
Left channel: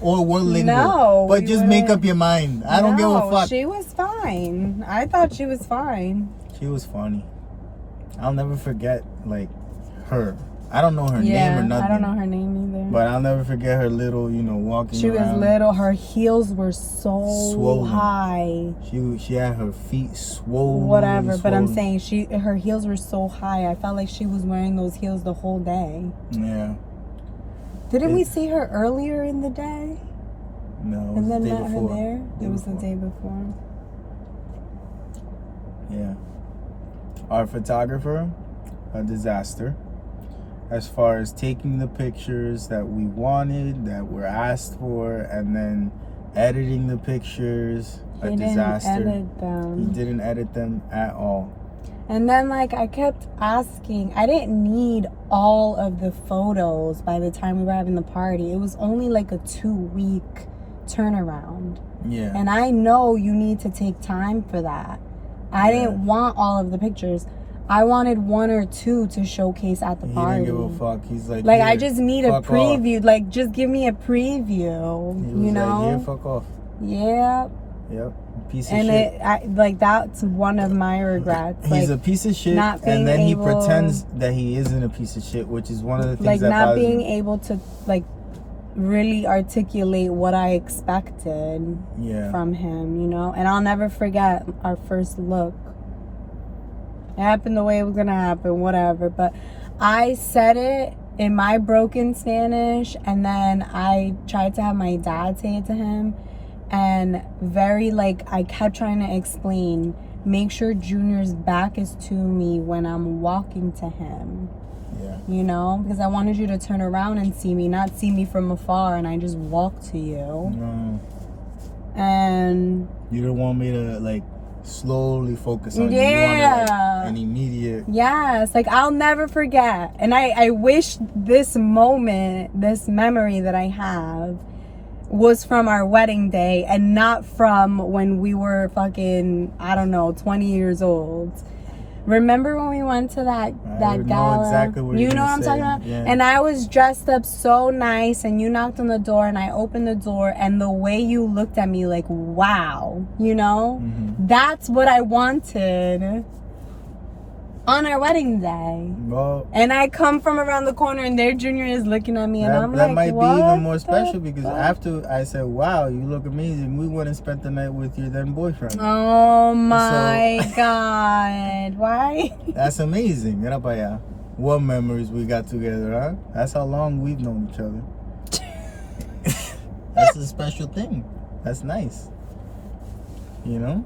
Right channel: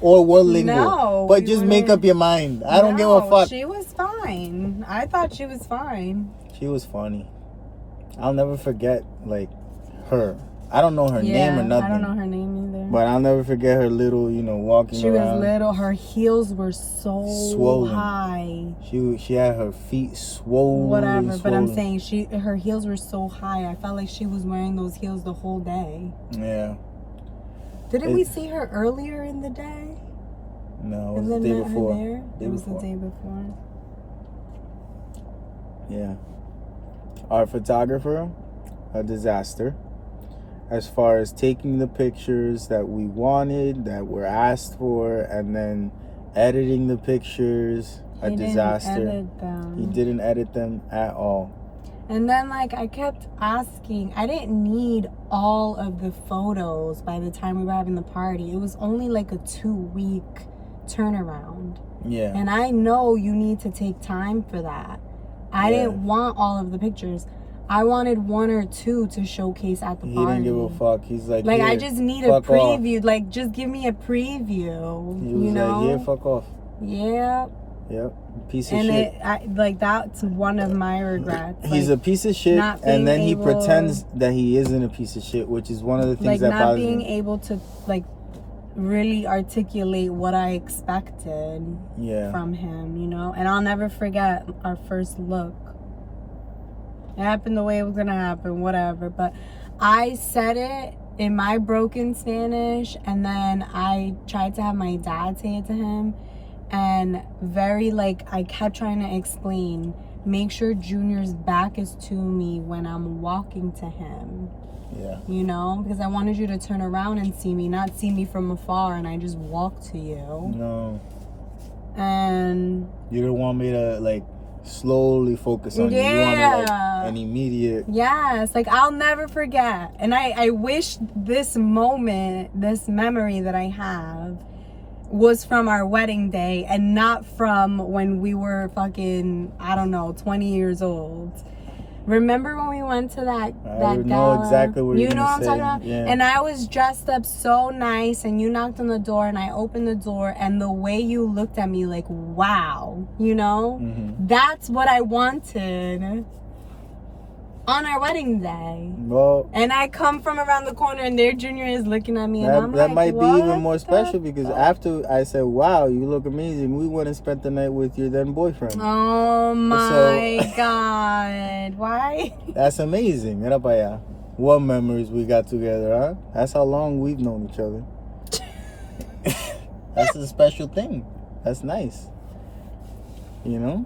Or one lingual. No. But just make up your mind. I don't give a fuck. She was fine. I thought she was fine. She was funny. I'll never forget, like, her. I don't know her name or nothing. I don't know her name either. But I'll never forget her little, you know, walking She around. was little. Her heels were so swollen. high. She had her feet swollen. Whatever, but I'm saying her heels were so high. I felt like she was wearing those heels the whole day. Yeah. Didn't we see her earlier in the day? No, it was the day before. It was the day before. Yeah. Our photographer, a disaster. As far as taking the pictures that we wanted, that were asked for, and then editing the pictures, a disaster. He didn't edit them at all. And then, like, I kept asking, I didn't need all of the photos by the time we were having the party. It was only like a 2-week turnaround. Yeah. And I know you need to take time for that. I didn't want all of the pictures. I wanted 1 or 2 to showcase at the party. He didn't give a fuck. He's like, I just need a preview. Off. Like, just give me a preview. He was like, yeah, fuck off. Yeah. Yep. Piece of shit. That's one of my regrets. He's a piece of shit, and then he pretends that he isn't a piece of shit, which is one of the things that bothers me. Not being able to, like, really articulate what I expected from him, you know? And I'll never forget our first look. It happened the way it was gonna happen, whatever. But I said it in my broken Spanish, and then I tried to have my dad say it to him. And I kept trying to explain, make sure Junior's back is to me when I'm walking to him. Yeah. You know? Because I wanted you to turn around and see me, not see me from afar and I just walk to you. No. And you didn't want me to, like, slowly focus on you. You wanted, like, an immediate. Yes, like, I'll never forget. And I wish this moment, this memory that I have, was from our wedding day and not from when we were fucking, I don't know, 20 years old. Remember when we went to that gala? Know exactly what you know what I'm talking about? Yeah. And I was dressed up so nice, and you knocked on the door, and I opened the door, and the way you looked at me, like, wow, you know? Mm-hmm. That's what I wanted on our wedding day. Well, and I come from around the corner, and their Junior is looking at me, and I'm that like, might be even more special, because after I said, wow, you look amazing, we went and spent the night with your then boyfriend. Oh my God. Why? That's amazing. Mira pa allá. What memories we got together, huh? That's how long we've known each other. That's a special thing. That's nice. You know?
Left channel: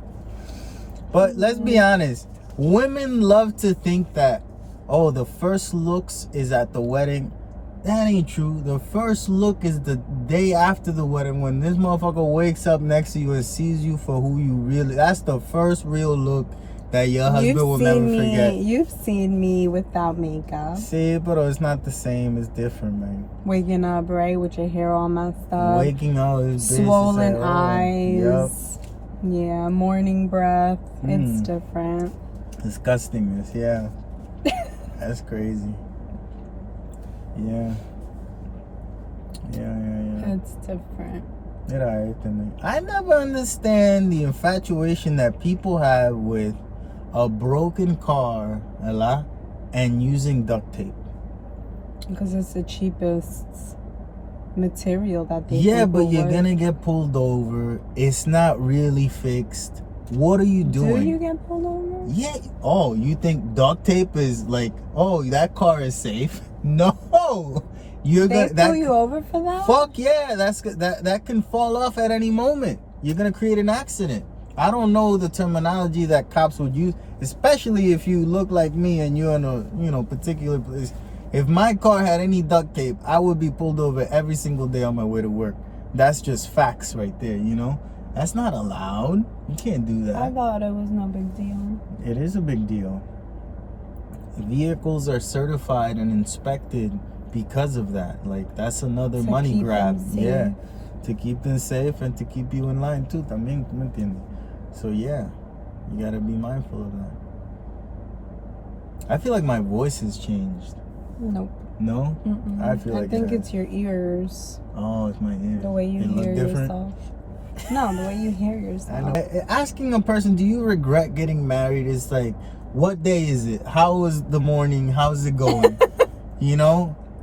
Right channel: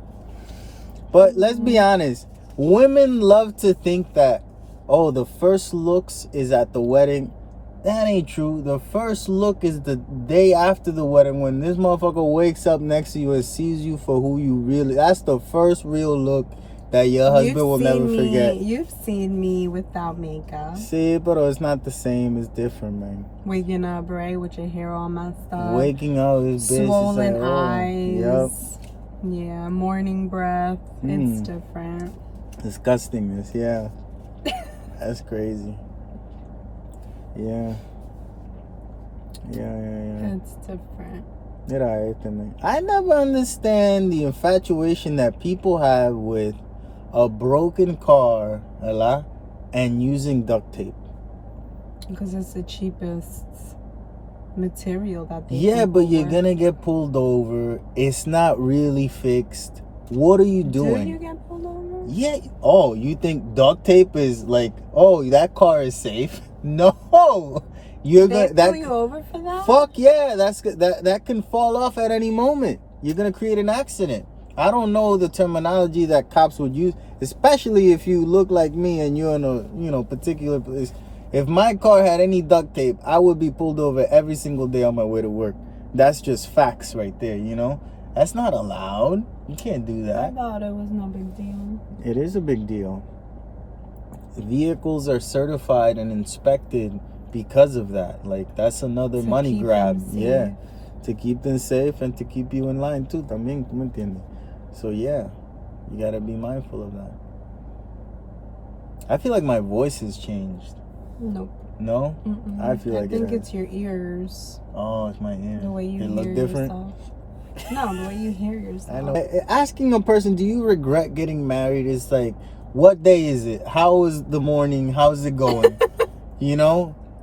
But let's be honest. Women love to think that, oh, the first looks is at the wedding. That ain't true. The first look is the day after the wedding, when this motherfucker wakes up next to you and sees you for who you really. That's the first real look that your husband will never forget. You've seen me without makeup. See, but it's not the same. It's different, man. Waking up, right, with your hair all messed up. Waking up is business. Swollen eyes. Yep. Yeah, morning breath. It's different. Disgustingness, yeah. That's crazy. Yeah. It's different. I never understand the infatuation that people have with a broken car, and using duct tape. Because it's the cheapest. material that they Yeah, think but will you're work. gonna get pulled over. It's not really fixed. What are you doing? Do you get pulled over? Yeah. Oh, you think duct tape is like, oh, that car is safe? No. You're They gonna pull you over for that? Fuck yeah, that can fall off at any moment. You're gonna create an accident. I don't know the terminology that cops would use, especially if you look like me and you're in a particular place. If my car had any duct tape, I would be pulled over every single day on my way to work. That's just facts right there, That's not allowed. You can't do that. I thought it was no big deal. It is a big deal. Vehicles are certified and inspected because of that. Like, that's another money grab. Yeah. To keep them safe and to keep you in line too. También, ¿tú me entiendes? So yeah, you gotta be mindful of that. I feel like my voice has changed. Nope. No? Mm-mm. I feel like I think it's your ears. Oh, it's my ears. The way you hear yourself. No, the way you hear yourself. I know. Asking a person, do you regret getting married? Is like, what day is it? How was the morning? How's it going?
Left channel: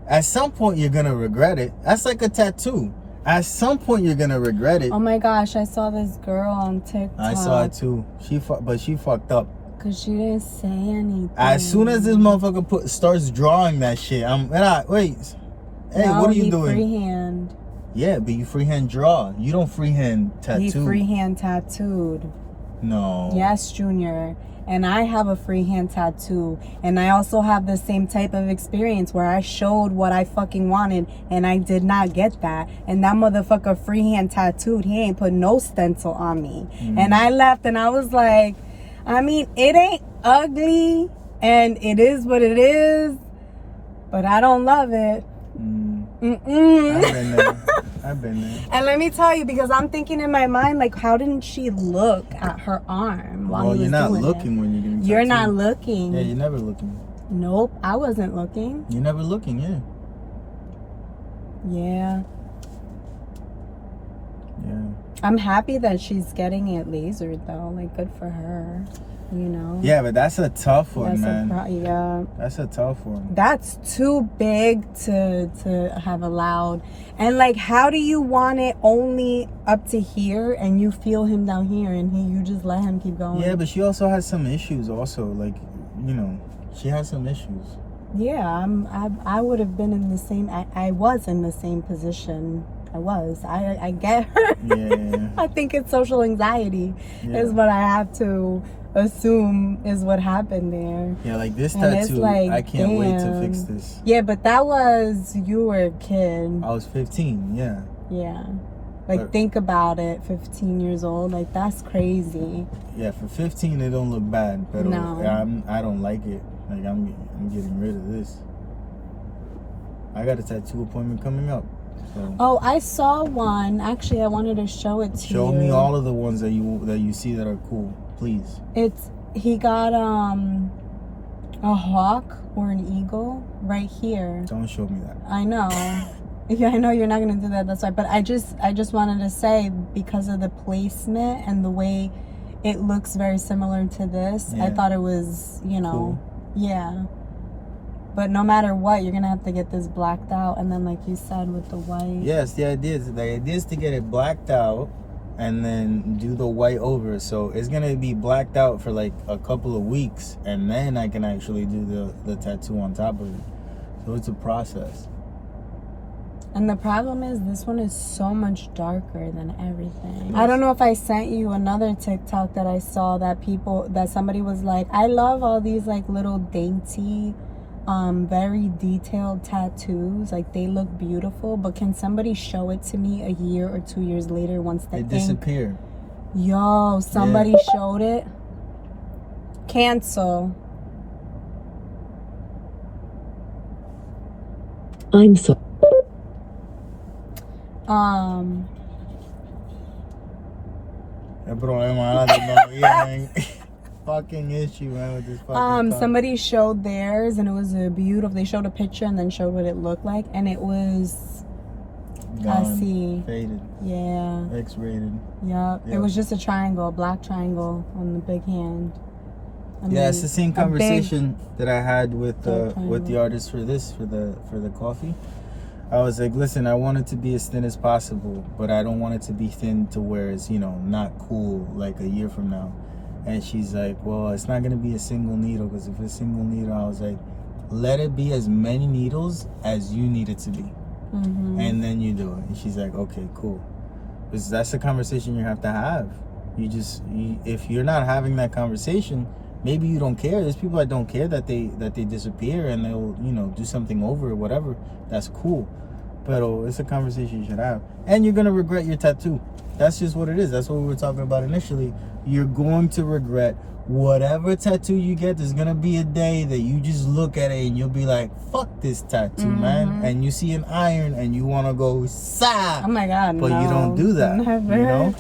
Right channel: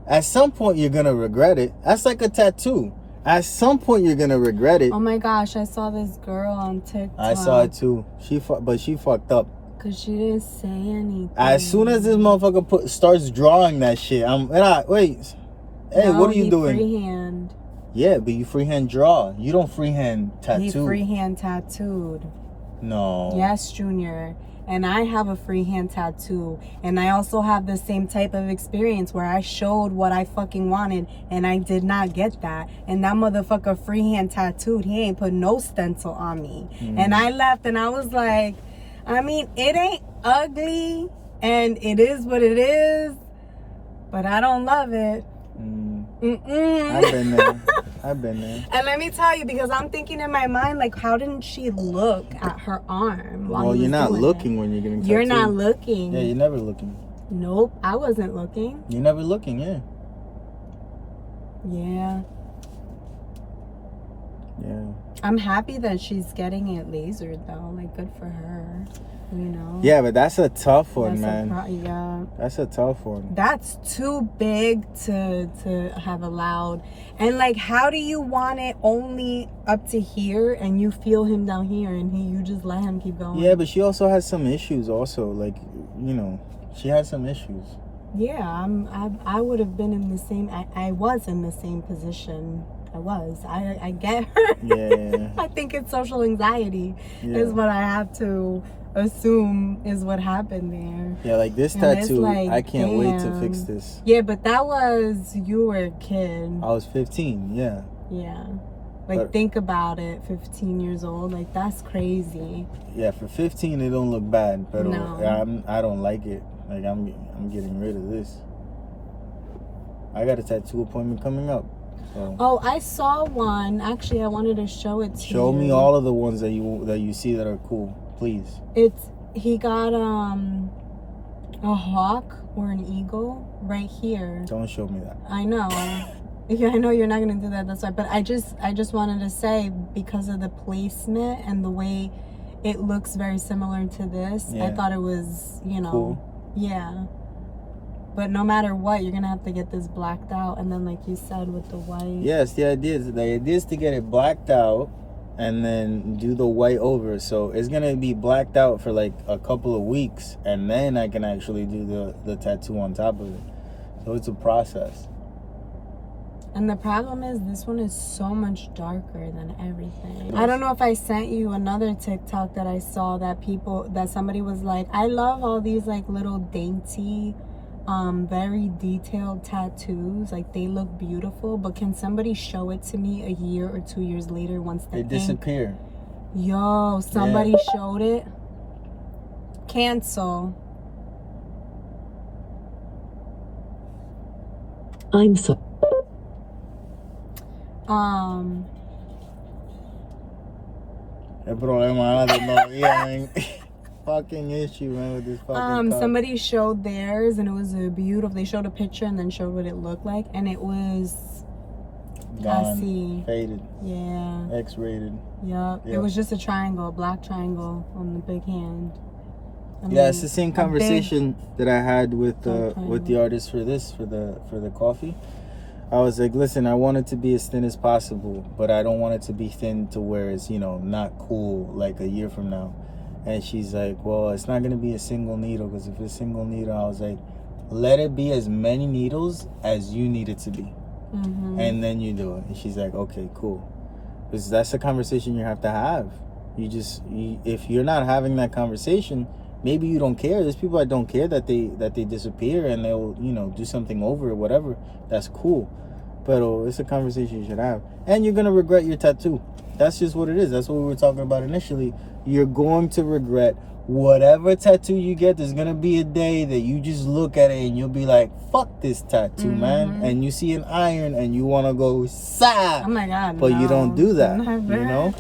At some point you're gonna regret it. That's like a tattoo. At some point you're gonna regret it. Oh my gosh, I saw this girl on TikTok. I saw it too. She fucked up. Cause she didn't say anything. As soon as this motherfucker starts drawing that shit, wait. Hey, no, what are you doing? Freehand. Yeah, but you freehand draw. You don't freehand tattoo. He freehand tattooed. No. Yes, Junior. And I have a freehand tattoo. And I also have the same type of experience where I showed what I fucking wanted and I did not get that. And that motherfucker freehand tattooed. He ain't put no stencil on me. And I left and I was like, I mean, it ain't ugly and it is what it is, but I don't love it. I've been there. And let me tell you, because I'm thinking in my mind, like, how didn't she look at her arm while he was you're not doing looking it? when you're getting tattooed. You're not looking. Yeah, you're never looking. Nope, I wasn't looking. You're never looking, yeah. Yeah. Yeah. I'm happy that she's getting it lasered, though. Like, good for her. Yeah, but that's a tough one, man. Yeah. That's a tough one. That's too big to have allowed. And like, how do you want it only up to here and you feel him down here and you just let him keep going? Yeah, but she also has some issues also. Like, she has some issues. Yeah, I would have been in the same, I was in the same position. I get her. Yeah. I think it's social anxiety is what I have to assume is what happened there. Yeah, like this And tattoo, like, I can't wait to fix this. Yeah, but that was, you were a kid. I was 15, yeah. Yeah. Like, think about it, 15 years old. Like, that's crazy. Yeah, for 15, it don't look bad. But no. I don't like it. Like, I'm getting rid of this. I got a tattoo appointment coming up. So. Oh, I saw one. Actually, I wanted to show it to you. Show me all of the ones that you see that are cool, please. He got a hawk or an eagle right here. Don't show me that. I know. Yeah, I know you're not gonna do that. That's why. But I just wanted to say, because of the placement and the way it looks very similar to this, I thought it was, cool. Yeah. But no matter what, you're gonna have to get this blacked out, and then, like you said, with the white. Yes, the idea is to get it blacked out, and then do the white over. So it's gonna be blacked out for like a couple of weeks, and then I can actually do the tattoo on top of it. So it's a process. And the problem is, this one is so much darker than everything. I don't know if I sent you another TikTok that I saw that somebody was like, I love all these like little dainty, very detailed tattoos. Like, they look beautiful, but can somebody show it to me a year or 2 years later once the ink disappeared? Yo, somebody showed it. Cancel. I'm so. El problema no, fucking issue, man, with this fucking somebody showed theirs, and it was a beautiful. They showed a picture and then showed what it looked like, and it was gone, faded, yeah, X-rated. Yep. It was just a triangle, a black triangle on the big hand. It's the same conversation that I had with the artist for the coffee. I was like, listen, I want it to be as thin as possible, but I don't want it to be thin to where it's, you know, not cool like a year from now. And she's like, well, it's not going to be a single needle, because if it's a single needle, I was like, let it be as many needles as you need it to be. Mm-hmm. And then you do it. And she's like, okay, cool. Because that's a conversation you have to have. If you're not having that conversation, maybe you don't care. There's people that don't care that they disappear and they'll, you know, do something over it, whatever. That's cool. But it's a conversation you should have. And you're going to regret your tattoo. That's just what it is. That's what we were talking about initially. You're going to regret whatever tattoo you get. There's going to be a day that you just look at it and you'll be like, fuck this tattoo, man. And you see an iron and you want to go, sa. Oh my God, But you don't do that. Never. You know?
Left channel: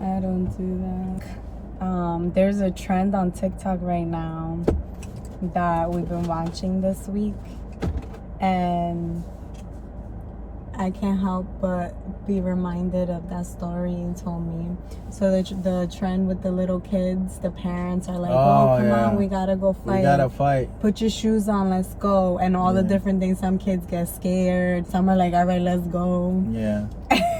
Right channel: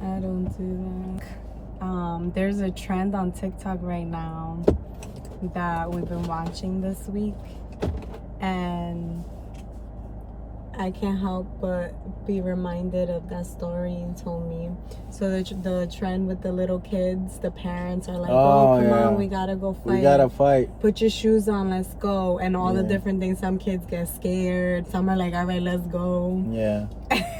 I don't do that. There's a trend on TikTok right now that we've been watching this week. And I can't help but be reminded of that story you told me. So the trend with the little kids, the parents are like, oh come on, we gotta go fight. We gotta fight. Put your shoes on, let's go. And all the different things. Some kids get scared. Some are like, all right, let's go. Yeah.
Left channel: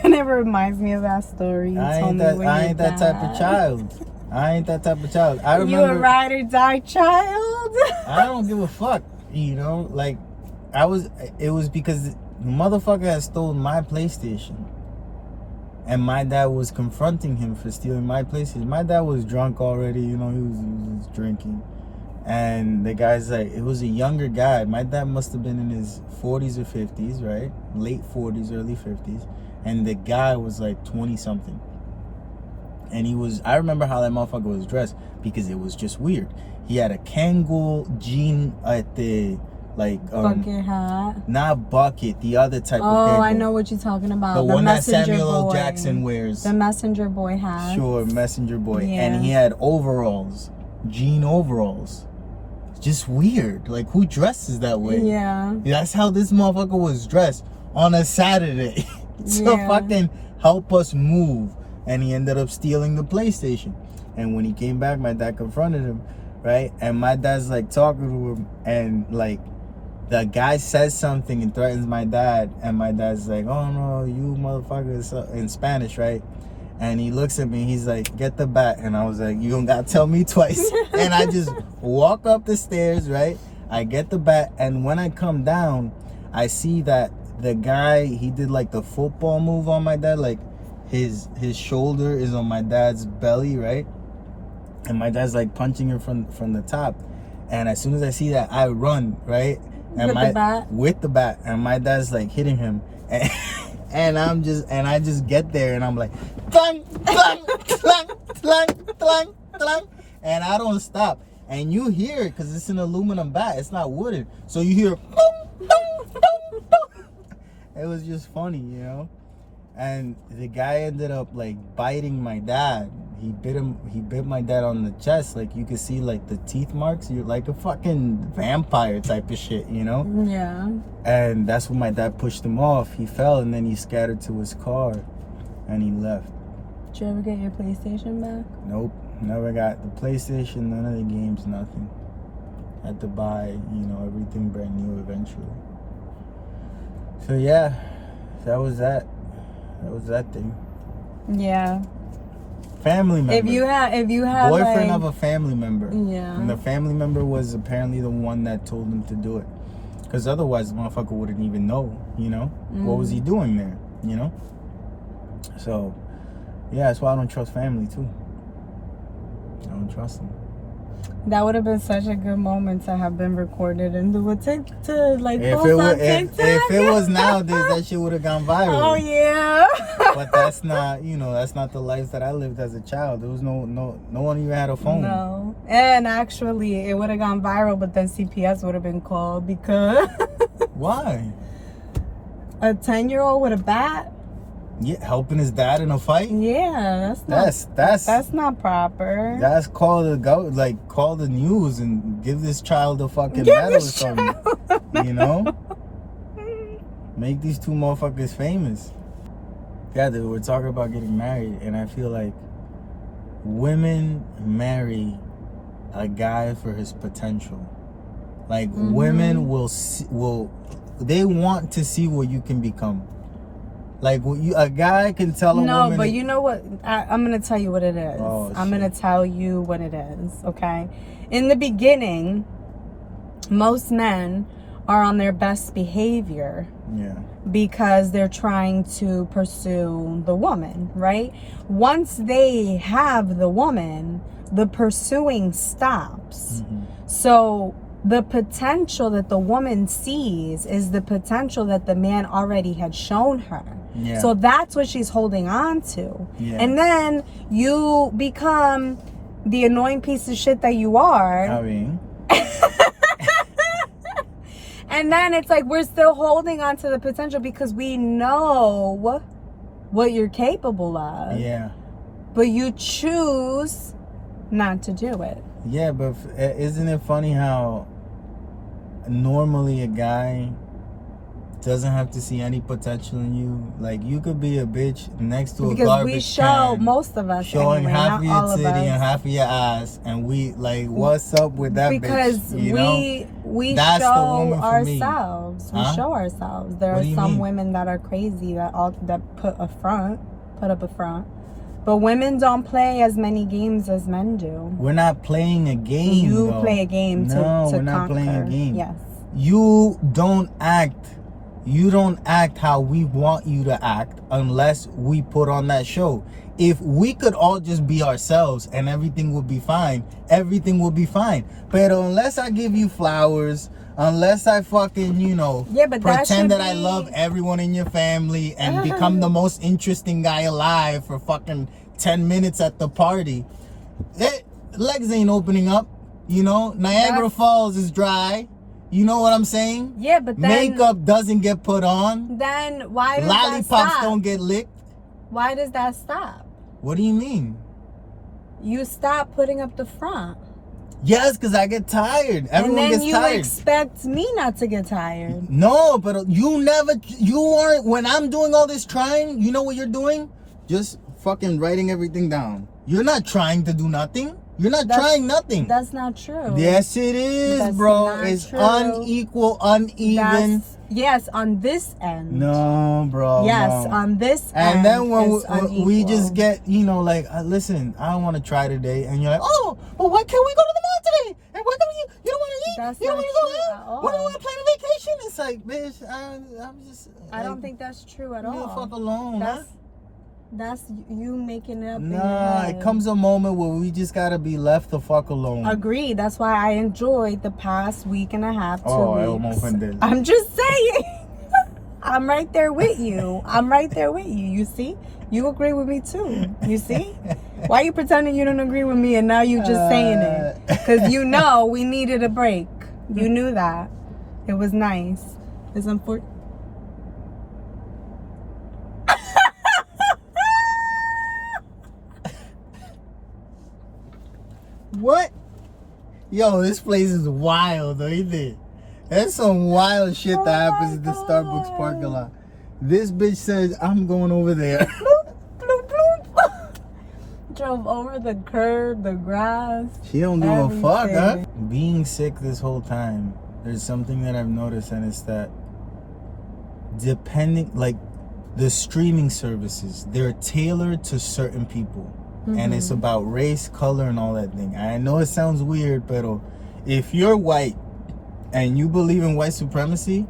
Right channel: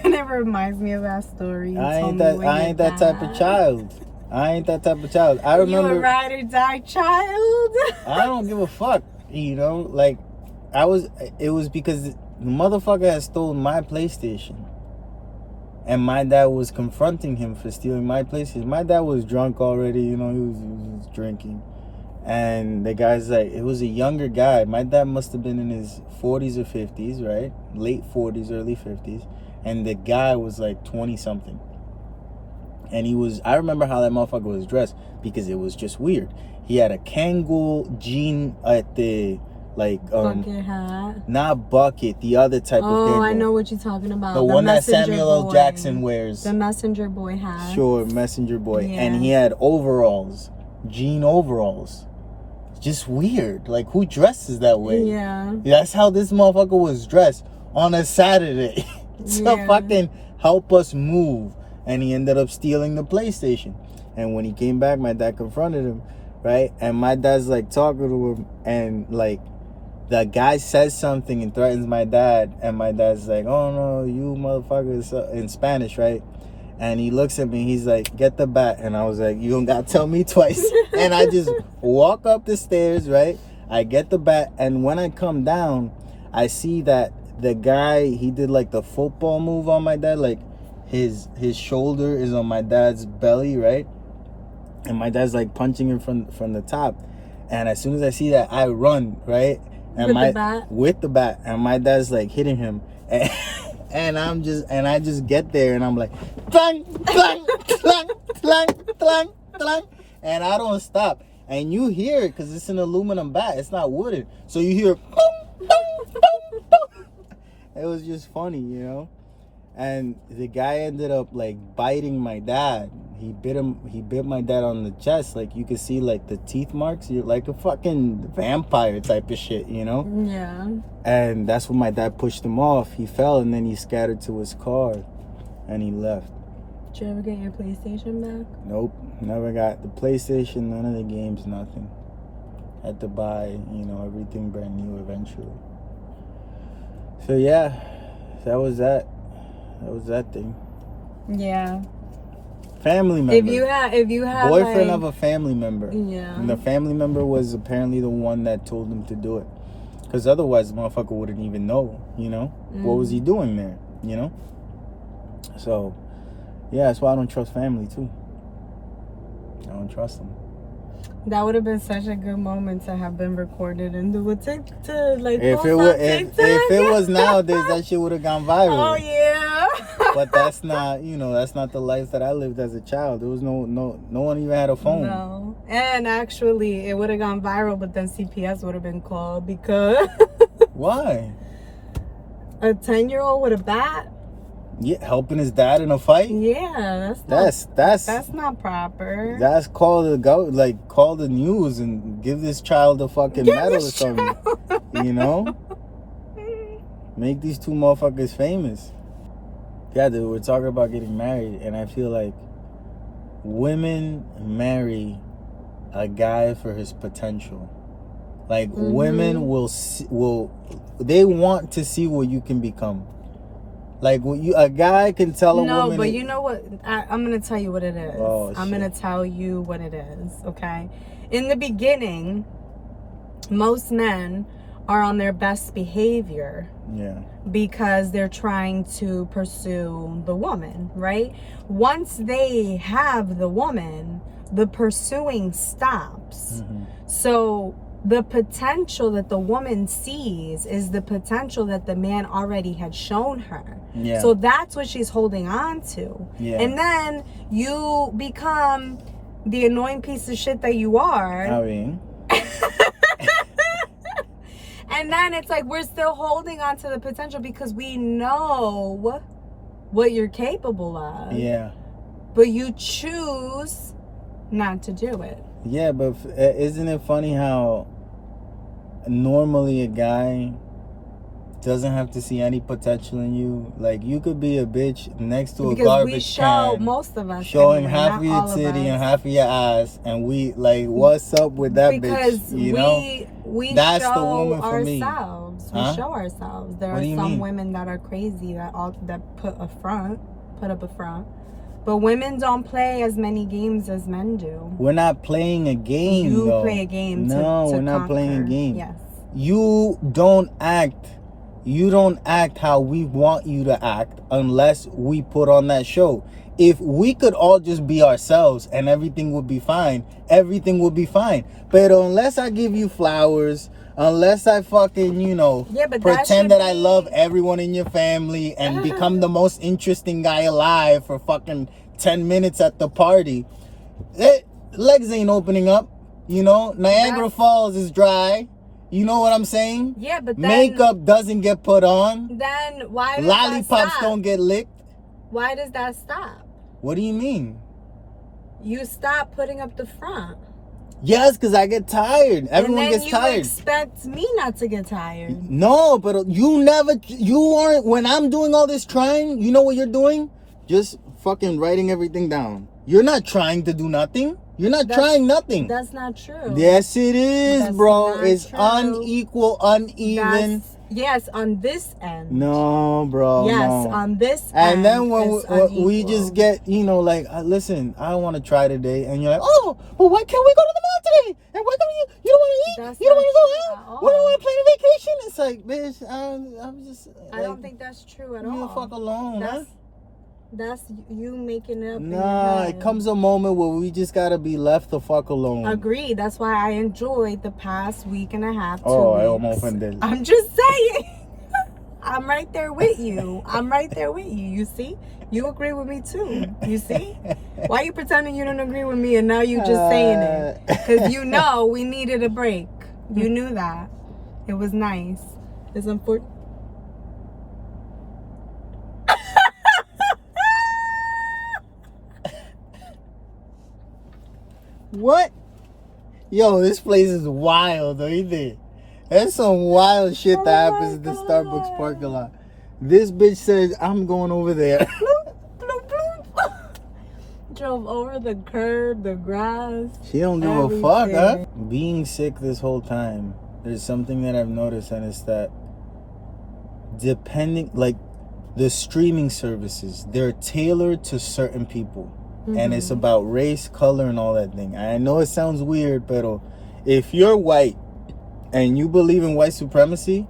And it reminds me of that story. I ain't that type of child. I ain't that type of child. I remember. You a ride or die child? I don't give a fuck. You know, like it was because the motherfucker had stolen my PlayStation. And my dad was confronting him for stealing my PlayStation. My dad was drunk already, you know, he was drinking. And the guy's like, it was a younger guy. My dad must have been in his 40s or 50s, right? Late 40s, early 50s. And the guy was like 20 something. And I remember how that motherfucker was dressed because it was just weird. He had a Kangol jean at the, like, bucket hat. Not bucket, the other type of Oh, Kangol. I know what you're talking about. The one that Samuel L. Jackson wears. The messenger boy hat. Sure, messenger boy. Yeah. And he had overalls, jean overalls. Just weird. Like, who dresses that way? Yeah. That's how this motherfucker was dressed on a Saturday to fucking help us move. And he ended up stealing the PlayStation. And when he came back, my dad confronted him, right? And my dad's like talking to him, and like the guy says something and threatens my dad, and my dad's like, oh no, you motherfuckers, in Spanish, right? And he looks at me, he's like, get the bat. And I was like, you don't gotta tell me twice. And I just walk up the stairs, right? I get the bat, and when I come down, I see that the guy, he did like the football move on my dad, like his shoulder is on my dad's belly, right? And my dad's like punching him from the top. And as soon as I see that, I run, right? And with the bat, and my dad's like hitting him, and I just get there, and I'm like, clang, clang, clang, clang, clang, clang, and I don't stop. And you hear it because it's an aluminum bat, it's not wooden, so you hear boom, boom, boom, boom. It was just funny, you know. And the guy ended up like biting my dad. He bit my dad on the chest. Like, you could see like the teeth marks. You're like a fucking vampire type of shit, you know? Yeah. And that's when my dad pushed him off. He fell, and then he scattered to his car and he left. Did you ever get your PlayStation back? Nope, never got the PlayStation, none of the games, nothing. Had to buy, you know, everything brand new eventually. So yeah, that was that. That was that thing. Yeah. Family member. If you have boyfriend like, of a family member. Yeah. And the family member was apparently the one that told him to do it. Because otherwise the motherfucker wouldn't even know, you know? What was he doing there, you know? So, yeah, that's why I don't trust family too. I don't trust them. That would have been such a good moment to have been recorded and if it was nowadays, that shit would have gone viral. Oh yeah. But that's not, you know, that's not the life that I lived as a child. There was no one even had a phone. No. And actually, it would have gone viral, but then CPS would have been called because Why? a 10-year-old with a bat. Yeah, helping his dad in a fight. Yeah, that's not proper. That's call the news and give this child a fucking medal or something. You know, make these two motherfuckers famous. Yeah, dude, we're talking about getting married, and I feel like women marry a guy for his potential. Like women will they want to see what you can become. Like a guy can tell a woman. No, but you know what? I'm gonna tell you what it is. Oh, I'm gonna tell you what it is. Okay. In the beginning, most men are on their best behavior. Yeah. Because they're trying to pursue the woman, right? Once they have the woman, the pursuing stops. Mm-hmm. So the potential that the woman sees is the potential that the man already had shown her. Yeah. So that's what she's holding on to. Yeah. And then you become the annoying piece of shit that you are. I mean. And then it's like we're still holding on to the potential because we know what you're capable of. Yeah. But you choose not to do it. Yeah, but isn't it funny how normally a guy doesn't have to see any potential in you? Like, you could be a bitch next to a garbage we show, can, most of us showing anyway, half of your not all titty of us. and half of your ass, and we like, what's up with that because bitch? You know? We That's show the woman for me. ourselves. Huh? We show ourselves. There What are do you some mean? women that are crazy that put up a front. But women don't play as many games as men do. We're not playing a game. You though. play a game to No, we're not conquer. playing a game. Yes. You don't act how we want you to act unless we put on that show. If we could all just be ourselves and everything would be fine, everything would be fine. But unless I give you flowers, unless I fucking, but pretend that I be... love everyone in your family and become the most interesting guy alive for fucking 10 minutes at the party, legs ain't opening up, Niagara Falls is dry. You know what I'm saying? Yeah, but then... Makeup doesn't get put on. Then why does Lollipops that stop? don't get licked. Why does that stop? What do you mean? You stop putting up the front. Yes, because I get tired. Everyone gets tired. And then you expect me not to get tired. No, but you aren't. When I'm doing all this trying, you know what you're doing? Just fucking writing everything down. You're not trying to do nothing. You're not trying nothing. That's not true. Yes, it is, That's bro. not It's true. unequal, uneven. Yes, on this end. No, bro. Yes, no. on this and end. then when we unequal. just get, like, listen, I don't want to try today. And you're like, oh, but why can't we go to the mall today? And why can't you don't want to eat? That's You don't want to not go true out? at all. We don't want to plan a vacation? It's like, bitch, I'm just. I don't think that's true at all. Leave the fuck alone, huh? That's you making it up. in your Nah, head. it comes a moment where we just gotta be left the fuck alone. Agreed. That's why I enjoyed the past week and a half, 2 Oh, I weeks. almost offended. I'm just saying. I'm right there with you. You see? You agree with me too. You see? Why are you pretending you don't agree with me and now you just saying it? Because we needed a break. You knew that. It was nice. It's unfortunate. What? Yo, this place is wild, don't you think? There's some wild shit that happens in the Starbucks parking lot. This bitch said, I'm going over there. Bloop, bloop, bloop. Drove over the curb, the grass. She don't give a fuck, huh? everything. Being sick this whole time, there's something that I've noticed, and it's that the streaming services, they're tailored to certain people. And it's about race, color, and all that thing. I know it sounds weird, but if you're white and you believe in white supremacy,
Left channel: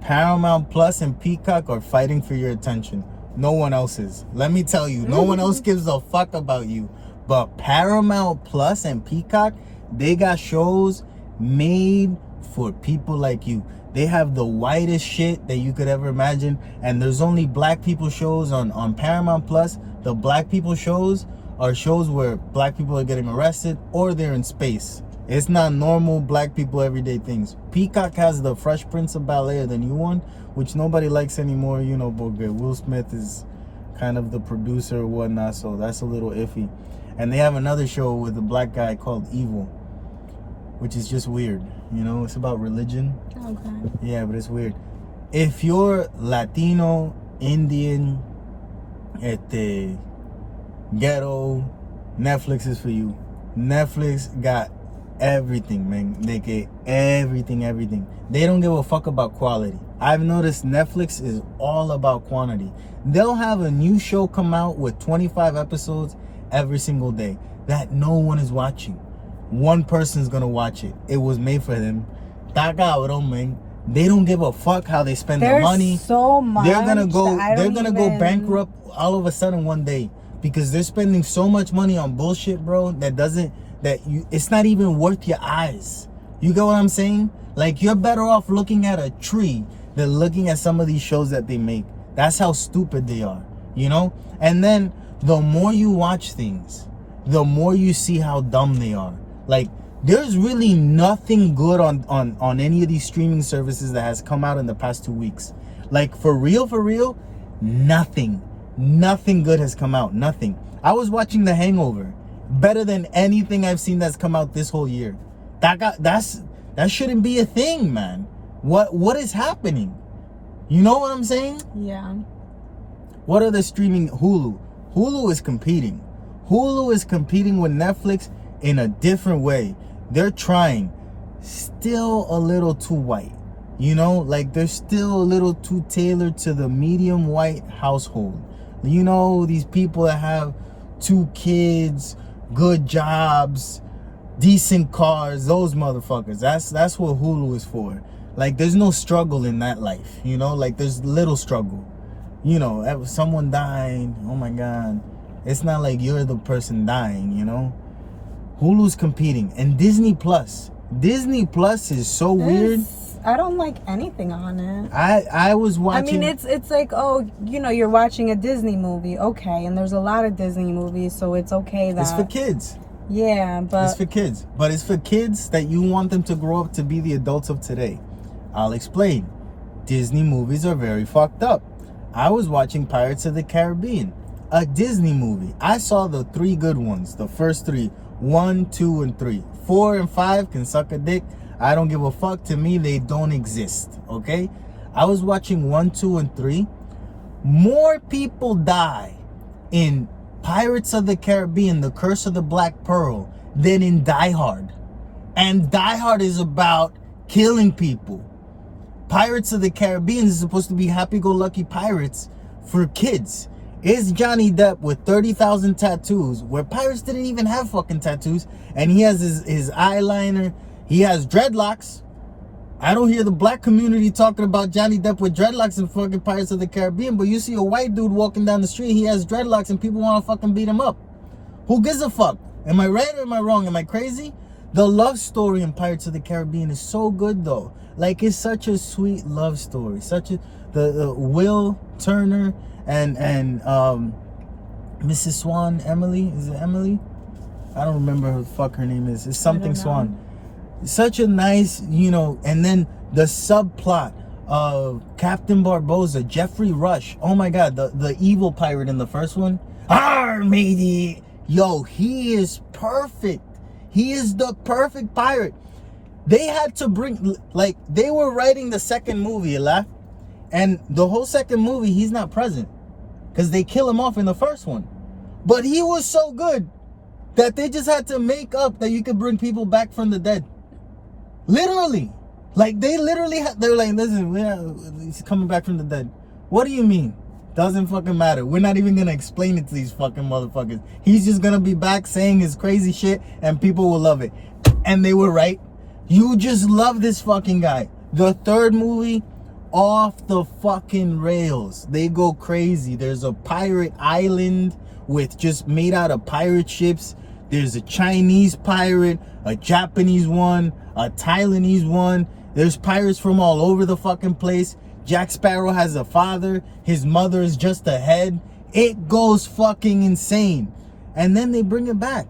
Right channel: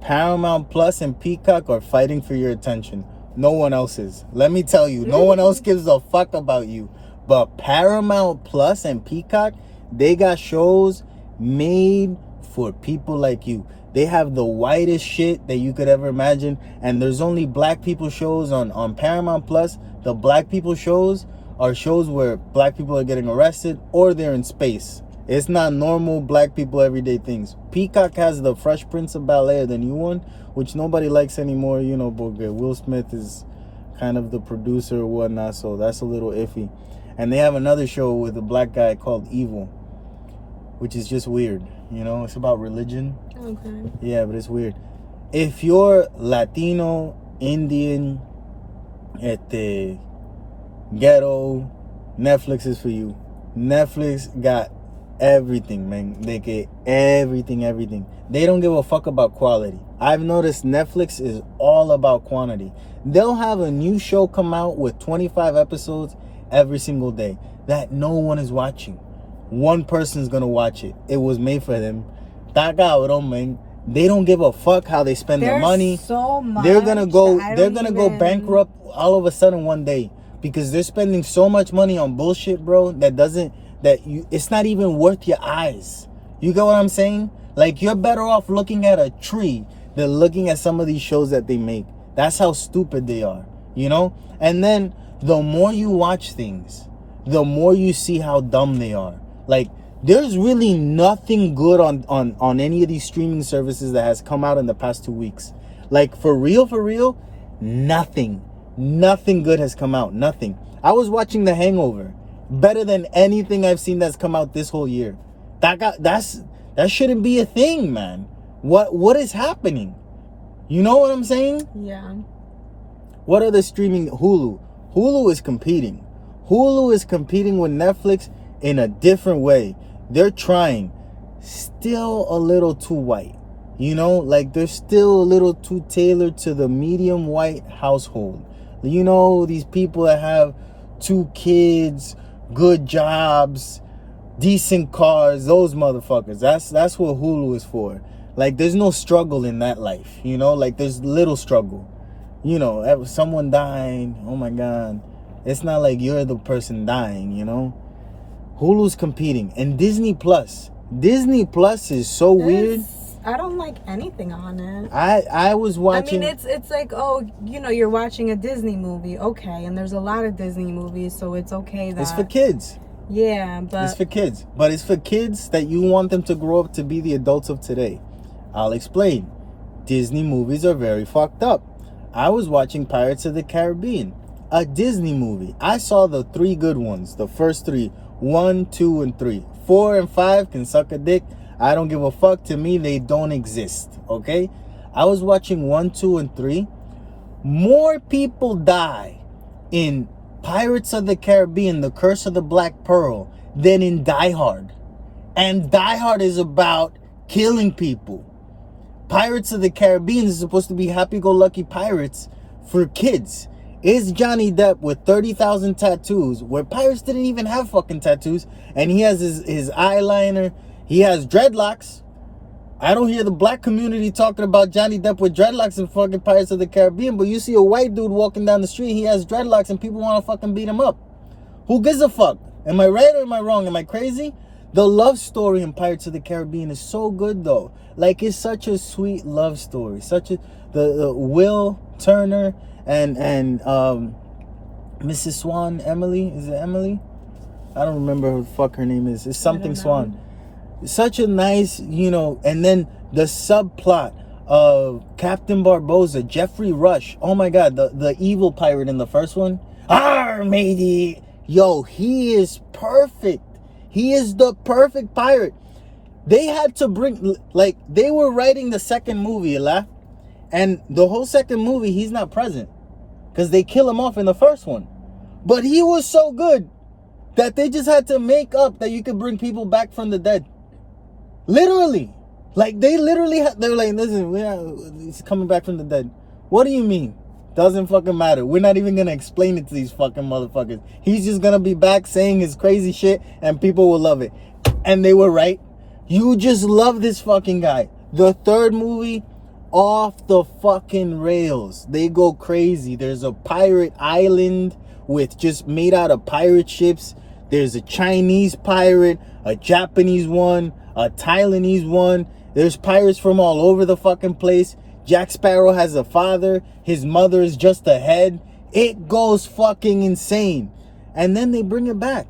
Paramount Plus and Peacock are fighting for your attention. No one else is. Let me tell you, no one else gives a fuck about you. But Paramount Plus and Peacock, they got shows made for people like you. They have the whitest shit that you could ever imagine. And there's only black people shows on Paramount Plus. The black people shows are shows where black people are getting arrested or they're in space. It's not normal black people everyday things. Peacock has the Fresh Prince of Bel-Air, the new one, which nobody likes anymore, but Will Smith is kind of the producer or whatnot, so that's a little iffy. And they have another show with a black guy called Evil, which is just weird. It's about religion. Okay. Yeah, but it's weird. If you're Latino, Indian, ghetto, Netflix is for you. Netflix got everything, man. They get everything. They don't give a fuck about quality. I've noticed Netflix is all about quantity. They'll have a new show come out with 25 episodes every single day that no one is watching. One person's gonna watch it. It was made for them. That cabrón, man. They don't give a fuck how they spend their money. So much. They're gonna go bankrupt all of a sudden one day because they're spending so much money on bullshit, bro, it's not even worth your eyes. You get what I'm saying? Like, you're better off looking at a tree than looking at some of these shows that they make. That's how stupid they are, you know? And then the more you watch things, the more you see how dumb they are. Like, there's really nothing good on any of these streaming services that has come out in the past 2 weeks. Like, for real, nothing good has come out. Nothing. I was watching The Hangover. Better than anything I've seen that's come out this whole year. That shouldn't be a thing, man. What is happening? You know what I'm saying? Yeah. What are the streaming? Hulu is competing. Hulu is competing with Netflix in a different way. They're trying. Still a little too white. You know, like they're still a little too tailored to the medium white household. You know, these people that have 2 kids, good jobs, decent cars, those motherfuckers. That's what Hulu is for. Like, there's no struggle in that life, you know? Like, there's little struggle. You know, someone dying, oh my God. It's not like you're the person dying, you know? Hulu's competing. And Disney Plus is so weird. I don't like anything on it. I was watching. I mean, it's like, oh, you know, you're watching a Disney movie, okay, and there's a lot of Disney movies, so it's okay that it's for kids. Yeah, but it's for kids. But it's for kids that you want them to grow up to be the adults of today. I'll explain. Disney movies are very fucked up. I was watching Pirates of the Caribbean, a Disney movie. I saw the 3 good ones, the first 3, 1, 2, and 3. 4 and 5 can suck a dick. I don't give a fuck. To me, they don't exist, okay? I was watching 1, 2, and 3. More people die in Pirates of the Caribbean, The Curse of the Black Pearl, than in Die Hard. And Die Hard is about killing people. Pirates of the Caribbean is supposed to be happy-go-lucky pirates for kids. It's Johnny Depp with 30,000 tattoos, where pirates didn't even have fucking tattoos, and he has his eyeliner. He has dreadlocks. I don't hear the black community talking about Johnny Depp with dreadlocks in fucking Pirates of the Caribbean, but you see a white dude walking down the street, he has dreadlocks, and people want to fucking beat him up. Who gives a fuck? Am I right or am I wrong? Am I crazy? The love story in Pirates of the Caribbean is so good, though. Like, it's such a sweet love story. The Will Turner and Mrs. Swan, Emily. Is it Emily? I don't remember who the fuck her name is. It's something Swan. Such a nice, you know, and then the subplot of Captain Barbossa, Jeffrey Rush. Oh my God, the evil pirate in the first one. Arr, matey. Yo, he is perfect. He is the perfect pirate. They had to bring, like, they were writing the second movie, and the whole second movie, he's not present because they kill him off in the first one. But he was so good that they just had to make up that you could bring people back from the dead. Literally. Like, they're like, listen, he's coming back from the dead. What do you mean? Doesn't fucking matter. We're not even gonna explain it to these fucking motherfuckers. He's just gonna be back saying his crazy shit and people will love it. And they were right. You just love this fucking guy. The third movie, off the fucking rails. They go crazy. There's a pirate island with just made out of pirate ships. There's a Chinese pirate, a Japanese one, a Taiwanese one. There's pirates from all over the fucking place. Jack Sparrow has a father. His mother is just a head. It goes fucking insane. And then they bring it back.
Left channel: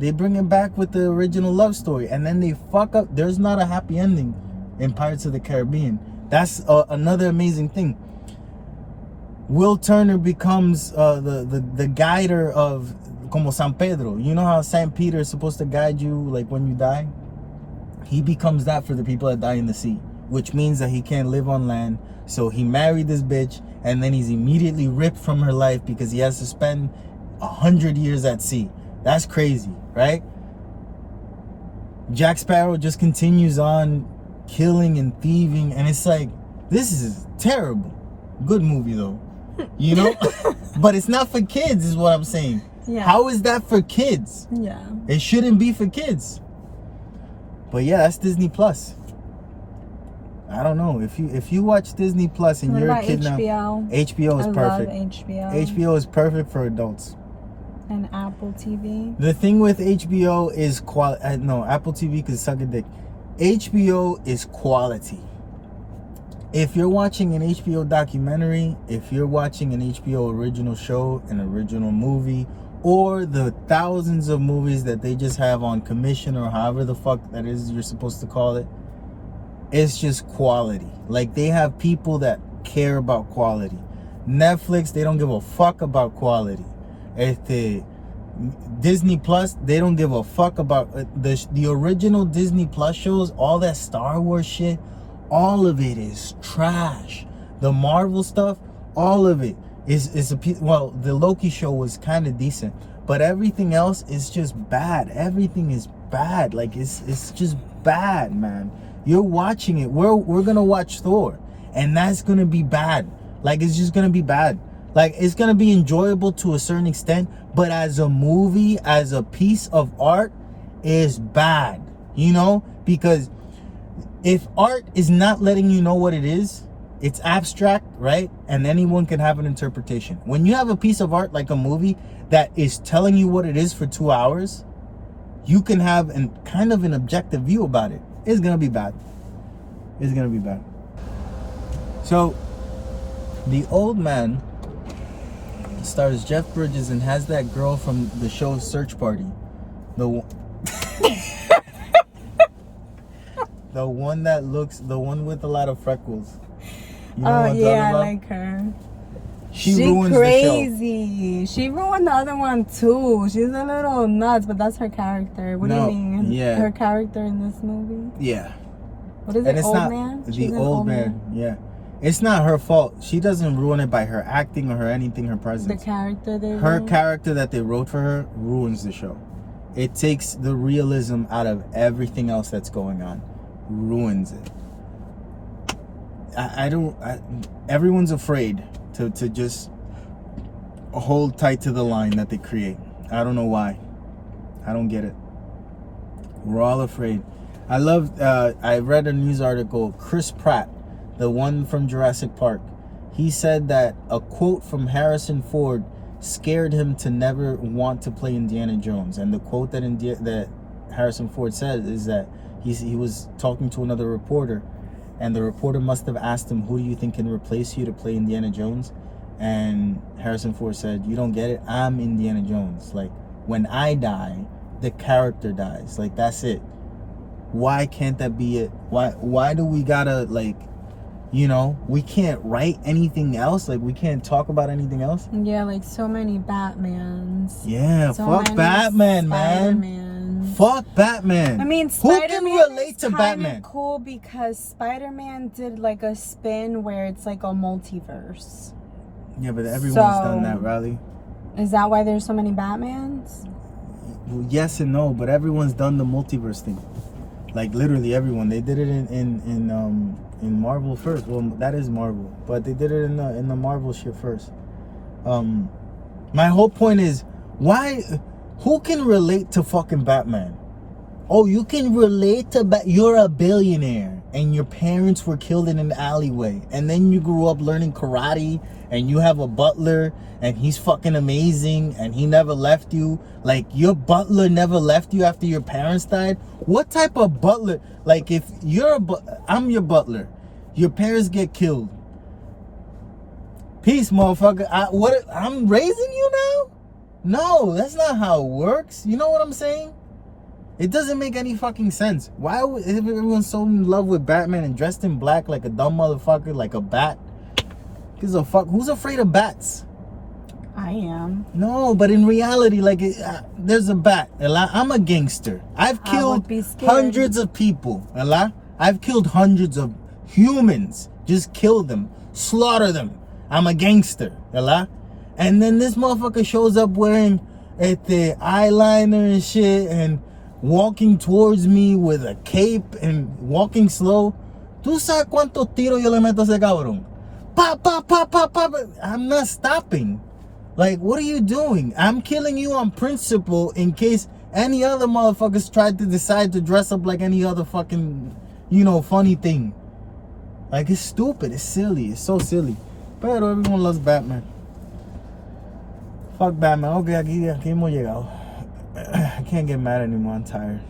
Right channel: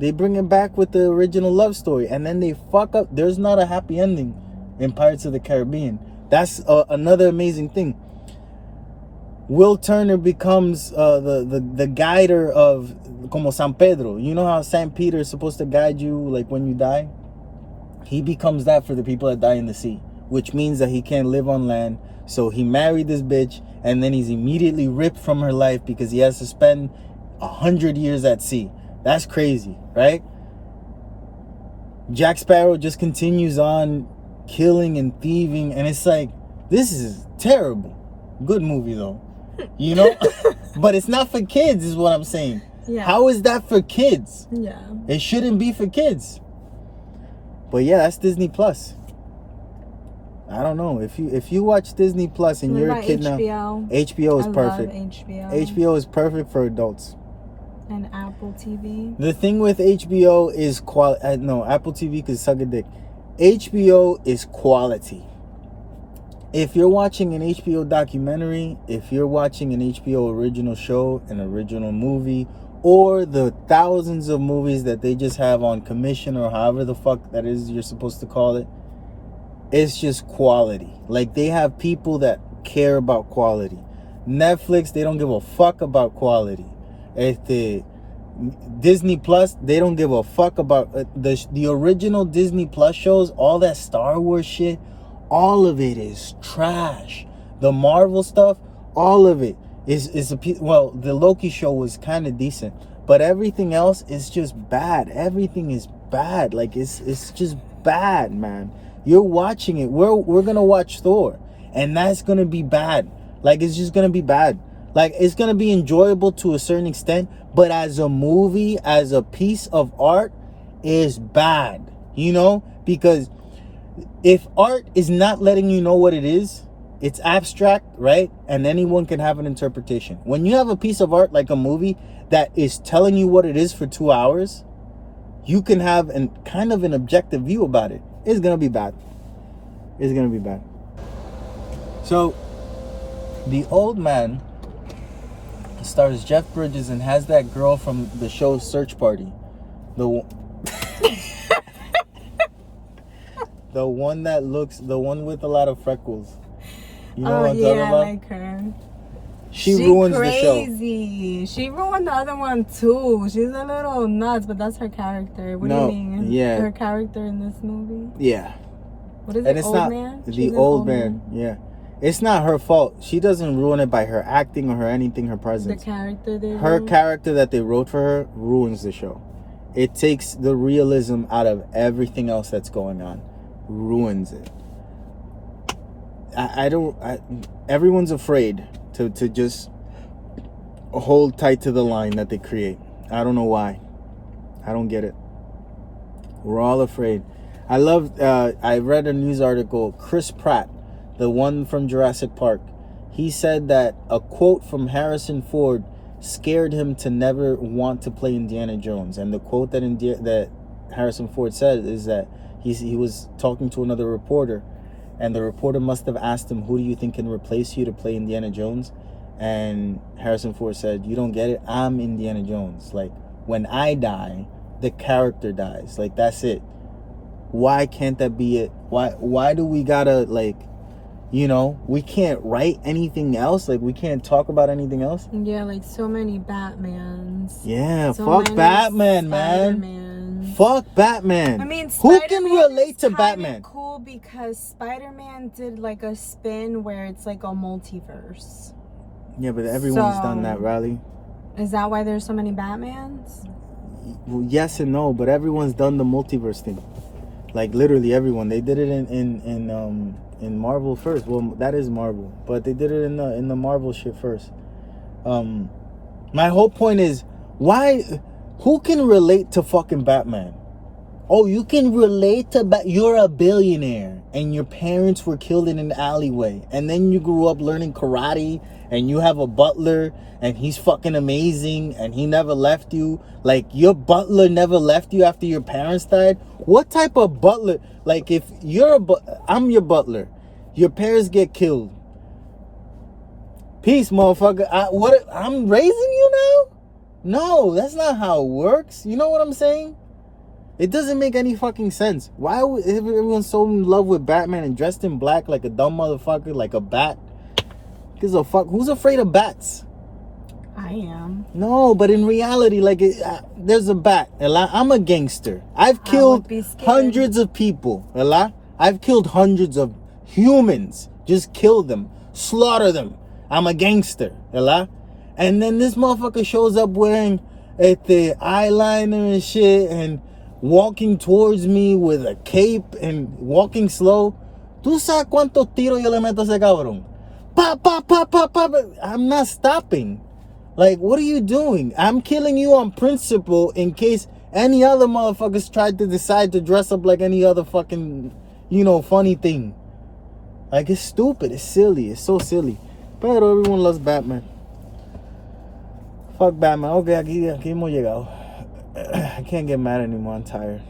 They bring it back with the original love story. And then they fuck up. There's not a happy ending in Pirates of the Caribbean. That's another amazing thing. Will Turner becomes the guider of como San Pedro. You know how San Peter is supposed to guide you like when you die? He becomes that for the people that die in the sea, which means that he can't live on land. So he married this bitch, and then he's immediately ripped from her life because he has to spend 100 years at sea. That's crazy, right? Jack Sparrow just continues on killing and thieving, and it's like, this is terrible. Good movie though, you know. But it's not for kids, is what I'm saying. Yeah. How is that for kids? Yeah. It shouldn't be for kids. But yeah, that's Disney Plus. I don't know if you watch Disney Plus and you're a kid HBO? now. HBO is perfect. Love HBO. HBO is perfect for adults. And Apple TV. The thing with HBO is quality. No, Apple TV could suck a dick. HBO is quality. If you're watching an HBO documentary, if you're watching an HBO original show, an original movie, or the thousands of movies that they just have on commission or however the fuck that is you're supposed to call it, it's just quality. Like, they have people that care about quality. Netflix, they don't give a fuck about quality. Disney Plus, they don't give a fuck about the original Disney Plus shows. All that Star Wars shit, all of it is trash. The Marvel stuff, all of it is well, the Loki show was kind of decent, but everything else is just bad. Everything is bad. Like, it's just bad, man. You're watching it. We're gonna watch Thor, and that's gonna be bad. Like, it's just gonna be bad. Like, it's gonna be enjoyable to a certain extent, but as a movie, as a piece of art, is bad. You know, because if art is not letting you know what it is, it's abstract, right? And anyone can have an interpretation. When you have a piece of art like a movie that is telling you what it is for 2 hours, you can have kind of an objective view about it. It's gonna be bad. It's gonna be bad. So, The Old Man stars Jeff Bridges and has that girl from the show Search Party. The one with a lot of freckles. You know what I'm talking I about? like her. She ruins crazy. the show. She ruined the other one too. She's a little nuts, but that's her character. What do you No, mean? yeah. Her character in this movie? Yeah. What is And it? it's Old not Man? the She's an old man. Yeah. It's not her fault. She doesn't ruin it by her acting or her anything, her presence. The character they Her wrote? character that they wrote for her ruins the show. It takes the realism out of everything else that's going on. Ruins it. Everyone's afraid to just hold tight to the line that they create. I don't know why. I don't get it. We're all afraid. I read a news article, Chris Pratt, the one from Jurassic Park. He said that a quote from Harrison Ford scared him to never want to play Indiana Jones. And the quote that Harrison Ford said is that he was talking to another reporter, and the reporter must have asked him, who do you think can replace you to play Indiana Jones? And Harrison Ford said, you don't get it? I'm Indiana Jones. Like, when I die, the character dies. Like, that's it. Why can't that be it? Why do we gotta, like, you know, we can't write anything else? Like, we can't talk about anything else? Yeah, like so many Batmans. Yeah, so fuck Batman, man. Spider-Mans. Fuck Batman. I mean, who can Spider-Man relate is to kinda Batman? cool because Spider-Man did like a spin where it's like a multiverse. Yeah, but everyone's done that, Riley. Is that why there's so many Batmans? Well, yes and no, but everyone's done the multiverse thing. Like, literally everyone. They did it in Marvel first. Well, that is Marvel, but they did it in the Marvel shit first. My whole point is, why? Who can relate to fucking Batman? Oh, you can relate to you're a billionaire and your parents were killed in an alleyway, and then you grew up learning karate, and you have a butler and he's fucking amazing and he never left you. Like, your butler never left you after your parents died? What type of butler? Like, if you're I'm your butler, your parents get killed. Peace, motherfucker. I'm raising you now? No, that's not how it works. You know what I'm saying? It doesn't make any fucking sense. Why would everyone so in love with Batman and dressed in black like a dumb motherfucker, like a bat? Gives a fuck. Who's afraid of bats? I am. No, but in reality, like, there's a bat. I'm a gangster. I've killed hundreds of people. I've killed hundreds of humans. Just kill them. Slaughter them. I'm a gangster. And then this motherfucker shows up wearing the eyeliner and shit and walking towards me with a cape and walking slow. ¿Tú sabes cuántos tiros yo le meto a ese cabrón? Pa, pa, pa, pa, pa, pa. I'm not stopping. Like, what are you doing? I'm killing you on principle in case any other motherfuckers tried to decide to dress up like any other fucking, funny thing. Like, it's stupid. It's silly. It's so silly. But everyone loves Batman. Fuck Batman. Okay, aquí hemos llegado. I can't get mad anymore. I'm tired.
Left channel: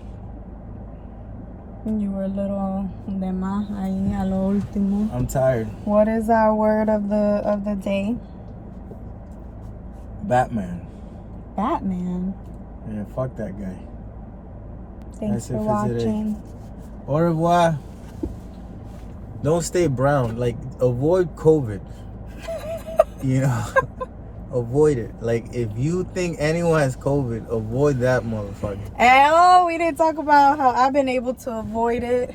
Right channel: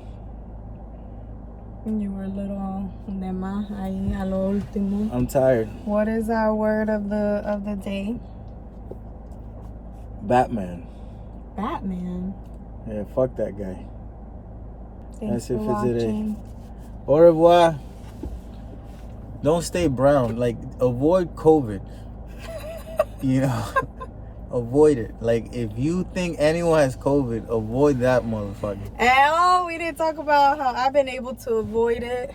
You were a little de más ahí a lo último. I'm tired. What is our word of the day? Batman. Batman. Yeah, fuck that guy. Thanks That's it for for today. watching. Au revoir. Don't stay brown. Like, avoid COVID. Avoid it. Like, if you think anyone has COVID, avoid that motherfucker. And we didn't talk about how I've been able to avoid it.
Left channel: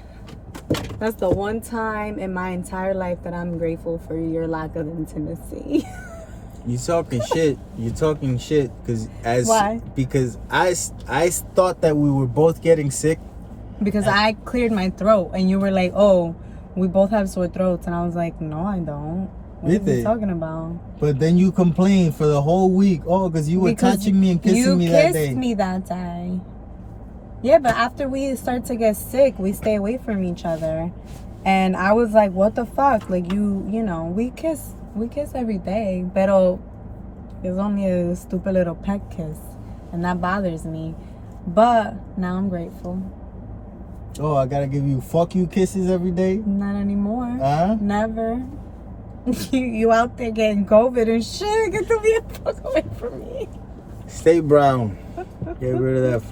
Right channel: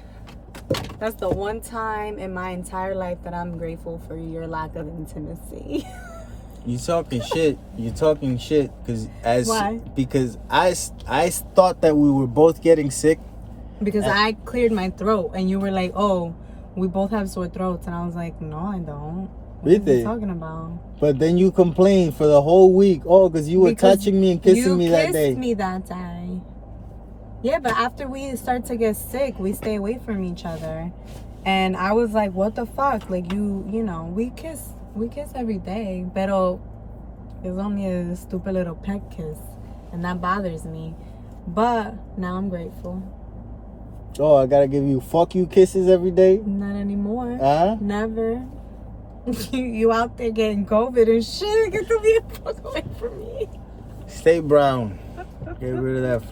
That's the one time in my entire life that I'm grateful for your lack of intimacy. You talking shit. You're talking shit Why? Because I thought that we were both getting sick. Because I cleared my throat and you were like, oh, we both have sore throats. And I was like, no, I don't. What are you talking about? But then you complained for the whole week. Oh, because you were touching me and kissing me that day. You kissed me that day. Yeah, but after we start to get sick, we stay away from each other. And I was like, what the fuck? Like, we kiss every day. Pero it's only a stupid little peck kiss. And that bothers me. But now I'm grateful. Oh, I gotta give you fuck you kisses every day? Not anymore. Huh? Never. You out there getting COVID and shit. Get the fuck away from me. Stay brown. Get rid of that.